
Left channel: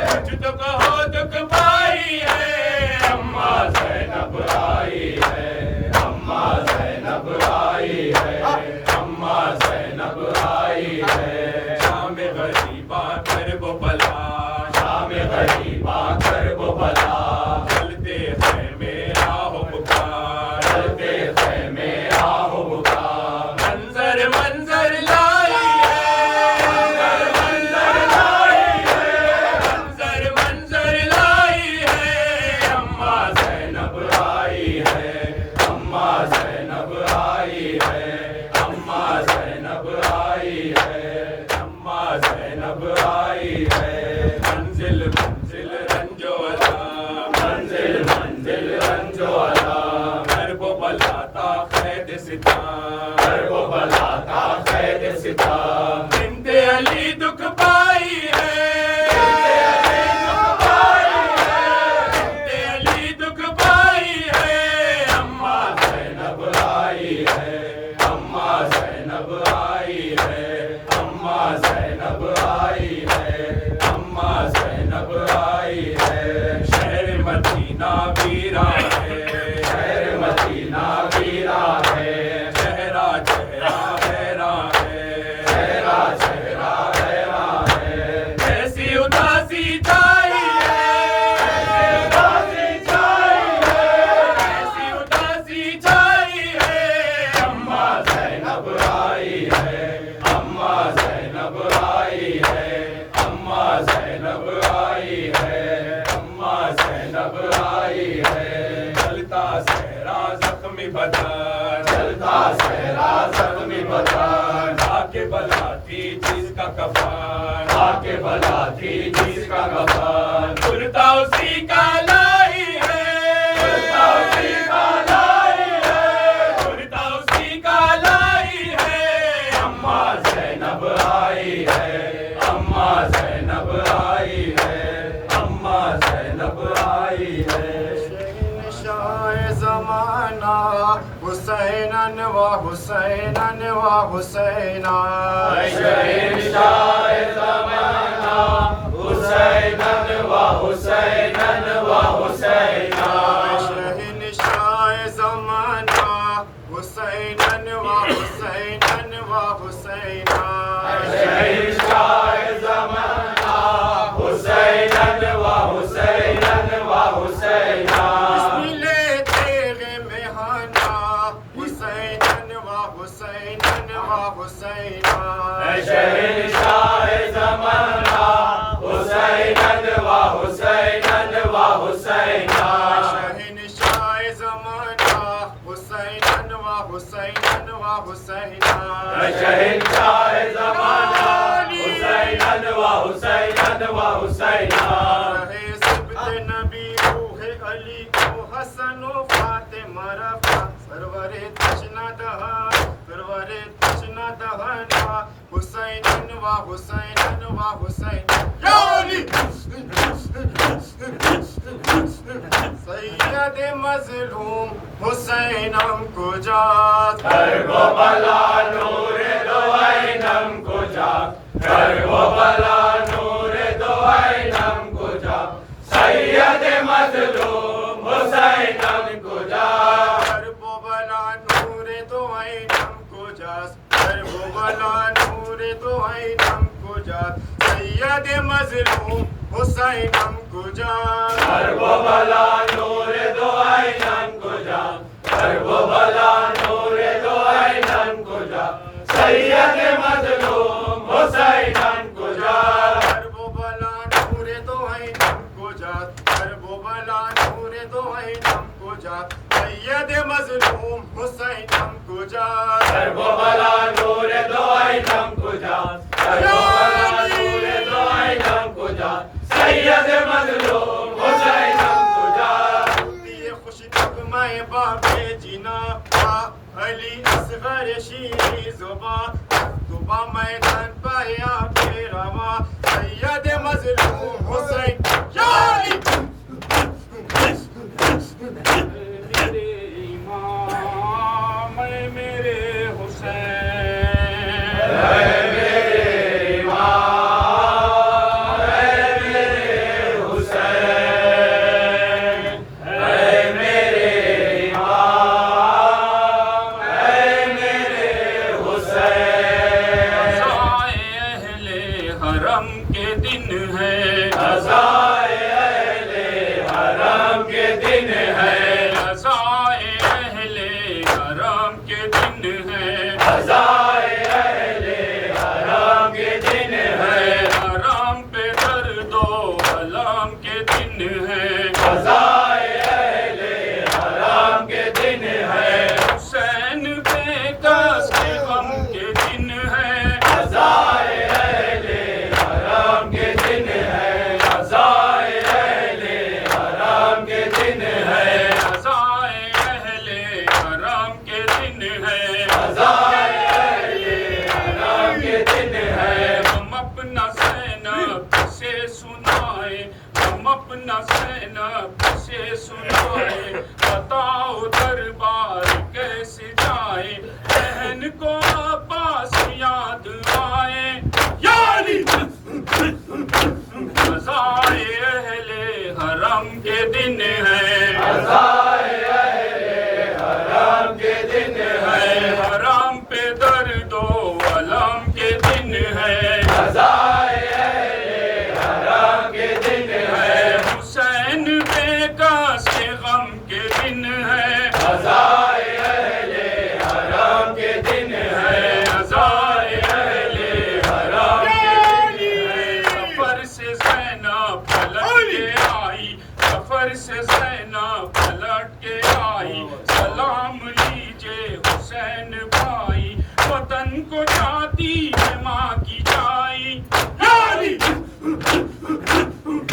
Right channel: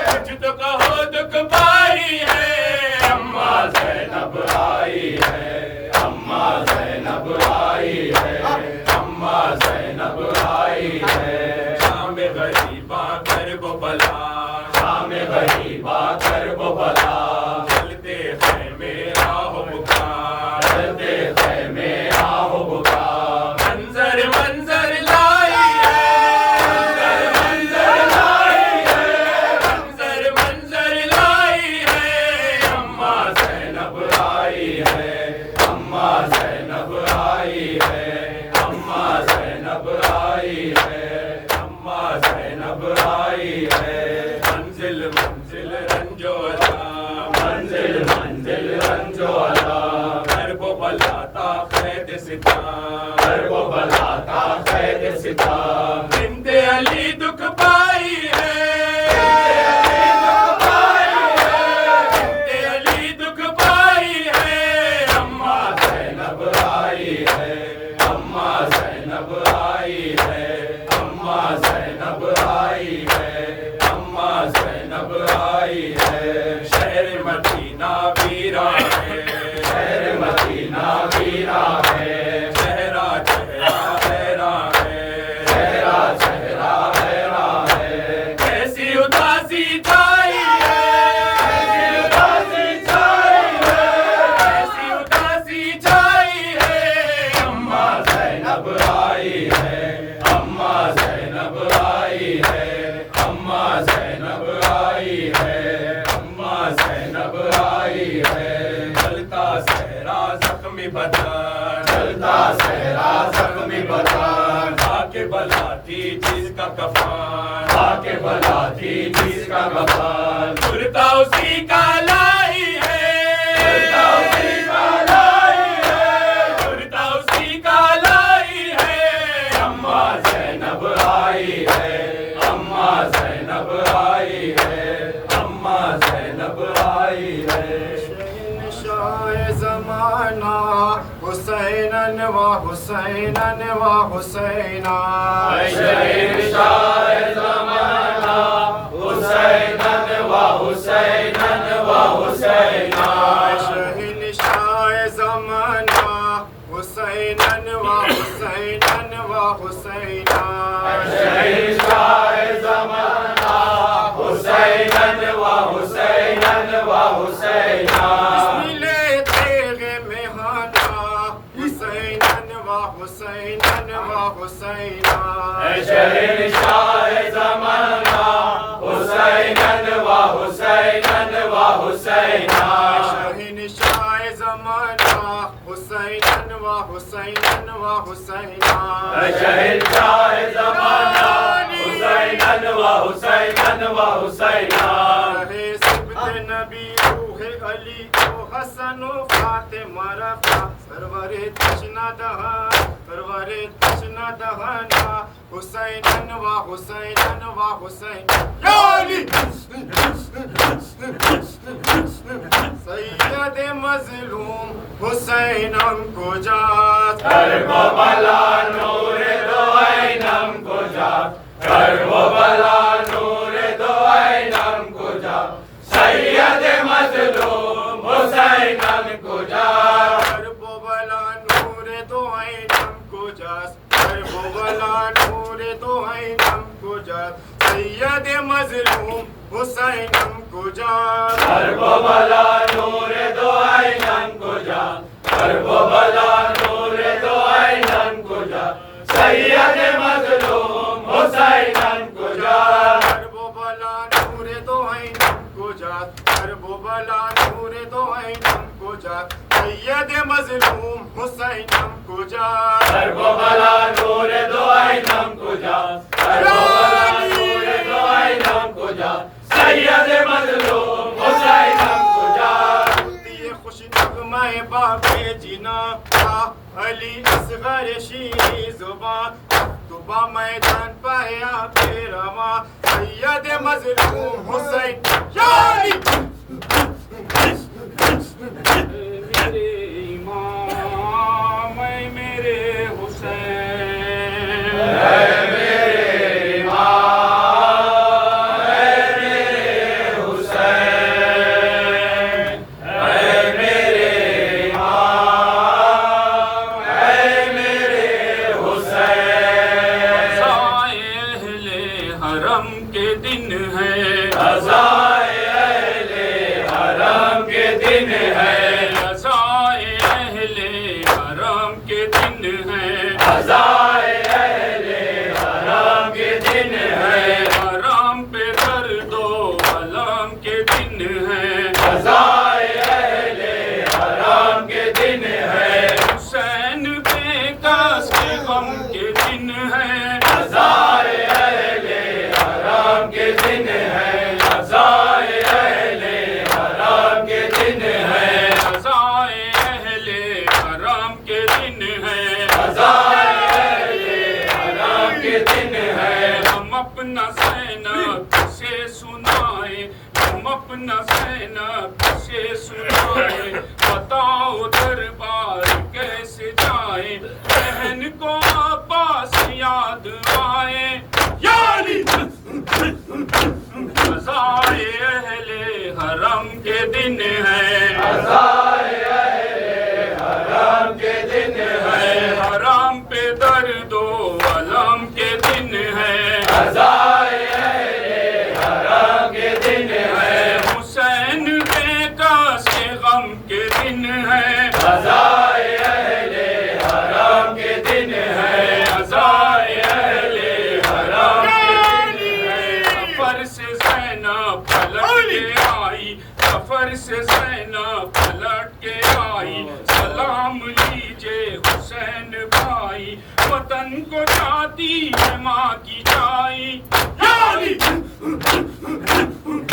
कुछ तो कहो दुख पाई है। अम्मा ज़ैनब आई है, अम्मा ज़ैनब आई है, अम्मा ज़ैनब आई है। शाम गरीबा कर वो बला, शाम गरीबा कर वो बला, चलते हैं मेरा हो पुकार, चलते ख़ैमे आहो बुका। मंजर मंजर लाई है, मंजर लाई है, मंजर मंजर लाई है। अम्मा ज़ैनब आई है, अम्मा ज़ैनब आई है, अम्मा ज़ैनब आई है, अम्मा ज़ैनब आई है। मंजिल मंजिल रंजोला, मंजिल मंजिल रंजोला, कर वो बलाता कैद सिता, कर वो बलाता कैद सिता। बिंदे अली दुख पाई है, बिंदे अली दुख पाई है। अम्मा ज़ैनब आई है, अम्मा ज़ैनब आई है, अम्मा ज़ैनब आई है, अम्मा ज़ैनब आई है। शहर मदीना वीरा है, शहर मदीना वीरा है, चेहरा चेहरा हैरा है, चेहरा चेहरा हैरा है। कैसी उदासी छाई है, उदासी छाई है, कैसी उदासी छाई है। अम्मा ज़ैनब आई है, अम्मा ज़ैनब आई है, अम्मा ज़ैनब आई है, अम्मा ज़ैनब आई है। चलता सहरा जख्मी बदन, चलता सहरा ज़ख्मी बदन, आके बला थी जिसका कफन, आके बला थी जिसका कफन। कुर्ता उसी का लाई है, कुर्ता उसी का लाई है, कुर्ता उसी का लाई है। अम्मा ज़ैनब आई है, अम्मा ज़ैनब आई है, अम्मा ज़ैनब आई है। शहंशाह ज़माना हुसैनन व हुसैनन व हुसैना। शहंशाह ज़माना हुसैनन व हुसैनन व हुसैना। शहंशाह ज़माना हुसैनन व हुसैनन व हुसैना। शहंशाह ज़माना हुसैनन व हुसैनन व हुसैना। मिले तेरे मेहाना हुसैनन व हुसैनन व हुसैना। शहंशाह ज़माना हुसैनन व हुसैनन व हुसैना। शहंशाह ज़माना हुसैनन व हुसैनन व हुसैना। शहंशाह ज़माना हुसैनन व हुसैनन व हुसैना। रहे सिब्त नबी रूहे अली को हसन व फातिमा रफ़ा। सरवरे तशना दहा, सरवरे तशना दहाना हुसैनन व हुसैनन व हुसैन। या अली सैयद मज़लूम हुसैनम को जात। कर वो बला नूर दो ऐनम को जा, कर वो बला नूर दो ऐनम को जा। सैयद मज़लूम हुसैनम को जा, कर वो बला नूर दो ऐनम को जात। कर वो बला नूर दो ऐनम को जात। सैयद मज़लूम हुसैनम को जात। कर वो बला नूर दो ऐनम को जा, करबो भला नूर दो आइनन कुजा सैयद मजलूम हुसैनन कुजा करबो भला नूर दो आइनन कुजा करबो भला नूर दो आइनन कुजा सैयद मजलूम हुसैनन कुजा करबो भला नूर दो आइनन कुजा करबो भला नूर दो आइनन कुजा सैयद मजलूम हुसैनन कुजा दिए खुश नगमे बाबे जिना अली असगर शीरी जुबा दुबा मैदान पाया बेरवा सैयद मजलूम हुसैन याली मेरे इमाम मेरे हुसैन मेरे इमाम मेरे हुसैन मेरे इमाम मेरे हुसैन अज़ाए अहले हरम के दिन है अज़ाए अहले हरम के दिन है अज़ाए अहले हरम के दिन है अज़ाए अहले हरम के दिन है हरम पे दर्दो अलम के दिन है अज़ाए अहले हरम के दिन है हुसैन पे दस के गम के दिन है अज़ाए अहले हरम के दिन है अज़ाए अहले हरम के दिन है अज़ाए अहले हरम के दिन है अज़ाए अहले हरम के दिन है हम अपना सैनब से सुनाए हम अपना सैनब से सुनाए बताओ दरबार कैसे जाए बहन को अब्बास याद आए यानी अज़ाए अहले हरम के दिन है अज़ाए अहले हरम के दिन है हरम पे दर्दो अलम के दिन है अज़ाए अहले हरम के दिन है हुसैन पे दस के गम के दिन है अज़ाए अहले हरम के दिन है अज़ाए अहले हरम के दिन है सफर से ज़ैनब पलट के आई सफर से ज़ैनब पलट के आई सलाम लीजिए हुसैन भाई वतन को जाती है माँ की जाई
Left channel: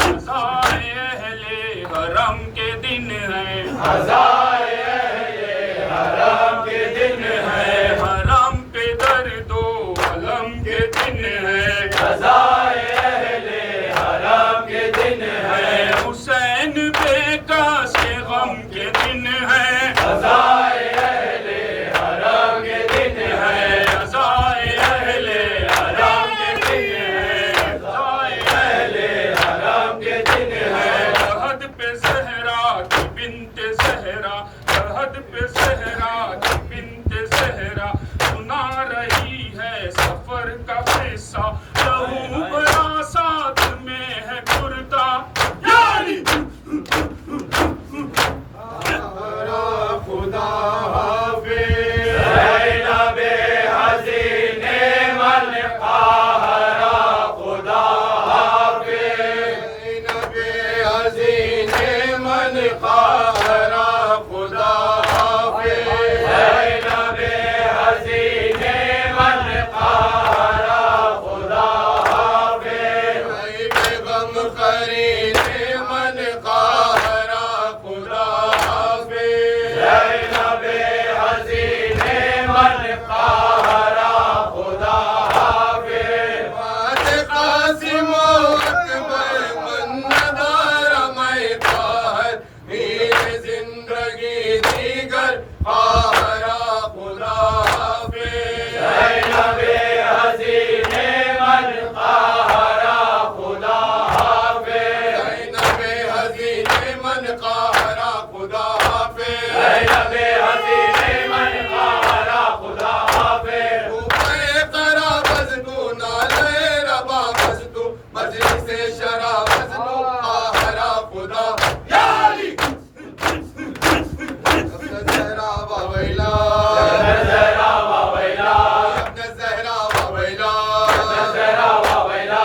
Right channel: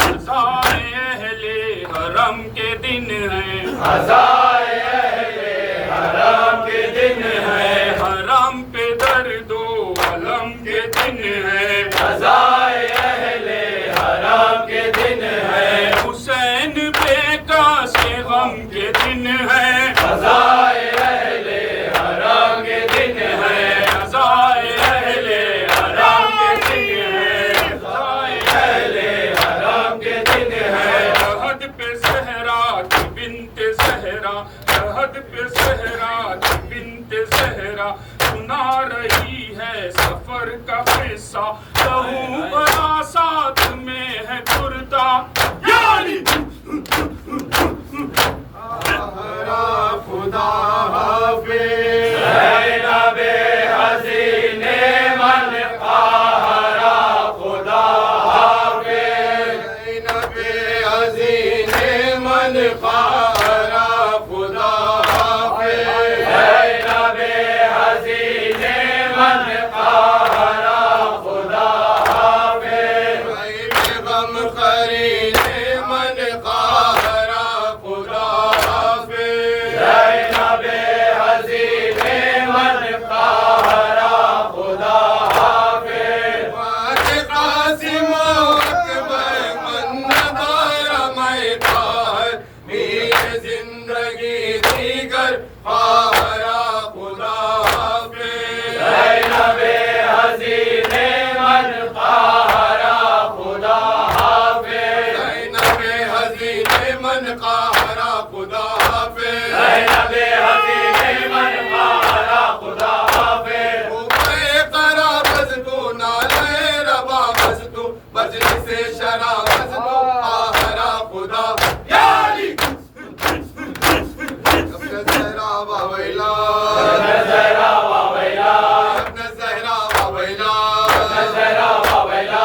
अज़ाए अहले हरम के दिन है अज़ाए अहले हरम के दिन है हरम पे दर्दो अलम के दिन है अज़ाए अहले हरम के दिन है हुसैन बेटा से गम के दिन है अज़ाए अहले हरम के दिन है अज़ाए अहले हरम के दिन है अज़ाए अहले हरम के दिन है रहद पे सहरा की बिन्ते सहरा रहद पे सहरा की बिन्ते सहरा सुना रही है सफर का किस्सा लहू बड़ा साथ में है कुर्ता यानी खुदा हाफिज़ ज़ैनबे हसीने मन क़ाहरा खुदा हाफ़िज़ ज़ैनबे हसीने मन क़ाहरा खुदा हाफिज़ ज़ैनबे हसीने मन क़ाहरा खुदा Zahra wa Waila,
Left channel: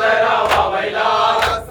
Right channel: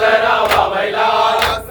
Zahra wa Waila,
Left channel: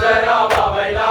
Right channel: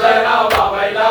Zahra wa Waila,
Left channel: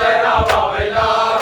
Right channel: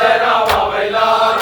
Zahra wa Waila,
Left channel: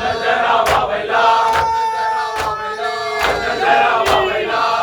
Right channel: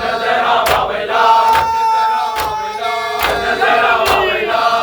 Zahra wa Waila, Zahra wa Waila,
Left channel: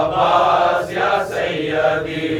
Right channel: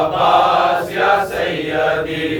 Abbas ya Sayyidi,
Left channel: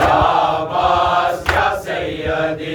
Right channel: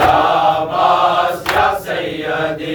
Ya Abbas ya Sayyidi,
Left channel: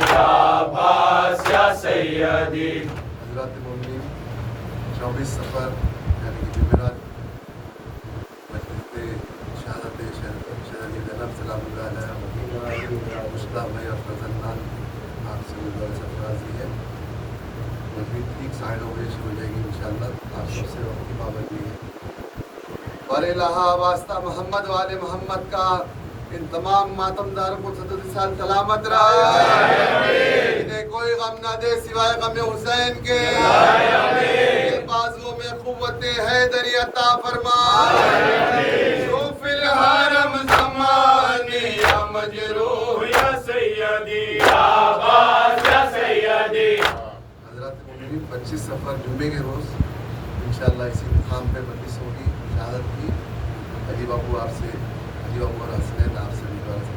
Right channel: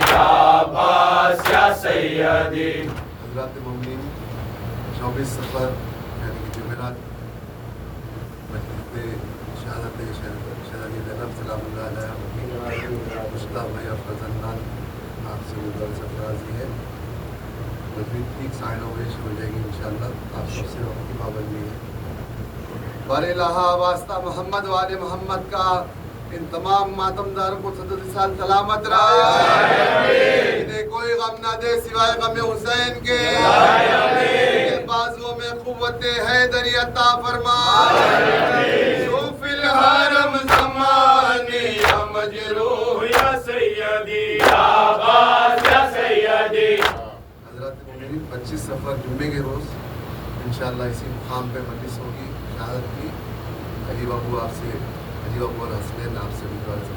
Ya Abbas ya Sayyidi. हज़रात मोमिनीन 24 सफ़र यानी कि जुमेरात मस्जिद शहादत शहर ज़ैनब सलामुल्लाह अलैहा उसका भाई और फजलमान आप से मुबारक सफराजी है मस्जिद ठीक 9:30 बजे शुरू हो जाएगी इंशाअल्लाह आप सबसे वक्त की पाबंदी है बरे लहा वास्ता मोहम्मद वाले मोहम्मद का इन तमाम मातमदार को सदर साल सलामत रहे इन्हें कोई गम ना दे सिवाय गम हुसैन के बाजुओं में कुव्वते हैदरी अता फरमा शोफिल हरम ज़मानी या मजरूह या सैयदी Ya Abbas ya Sayyidi. हज़रत मोमिनीन 25 सफ़र जुम्मे के रोज़ इंशाअल्लाह इसी मुकाम पे नफिस होगी शहादत की अली बाबू आपसे अली बाबू और हसनैन आपसे मुबारक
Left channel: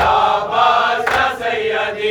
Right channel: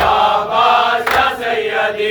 Ya Abbas ya Sayyidi,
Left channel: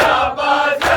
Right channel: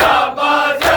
Ya Abbas ya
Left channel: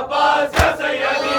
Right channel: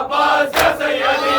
Abbas ya Sayyidi,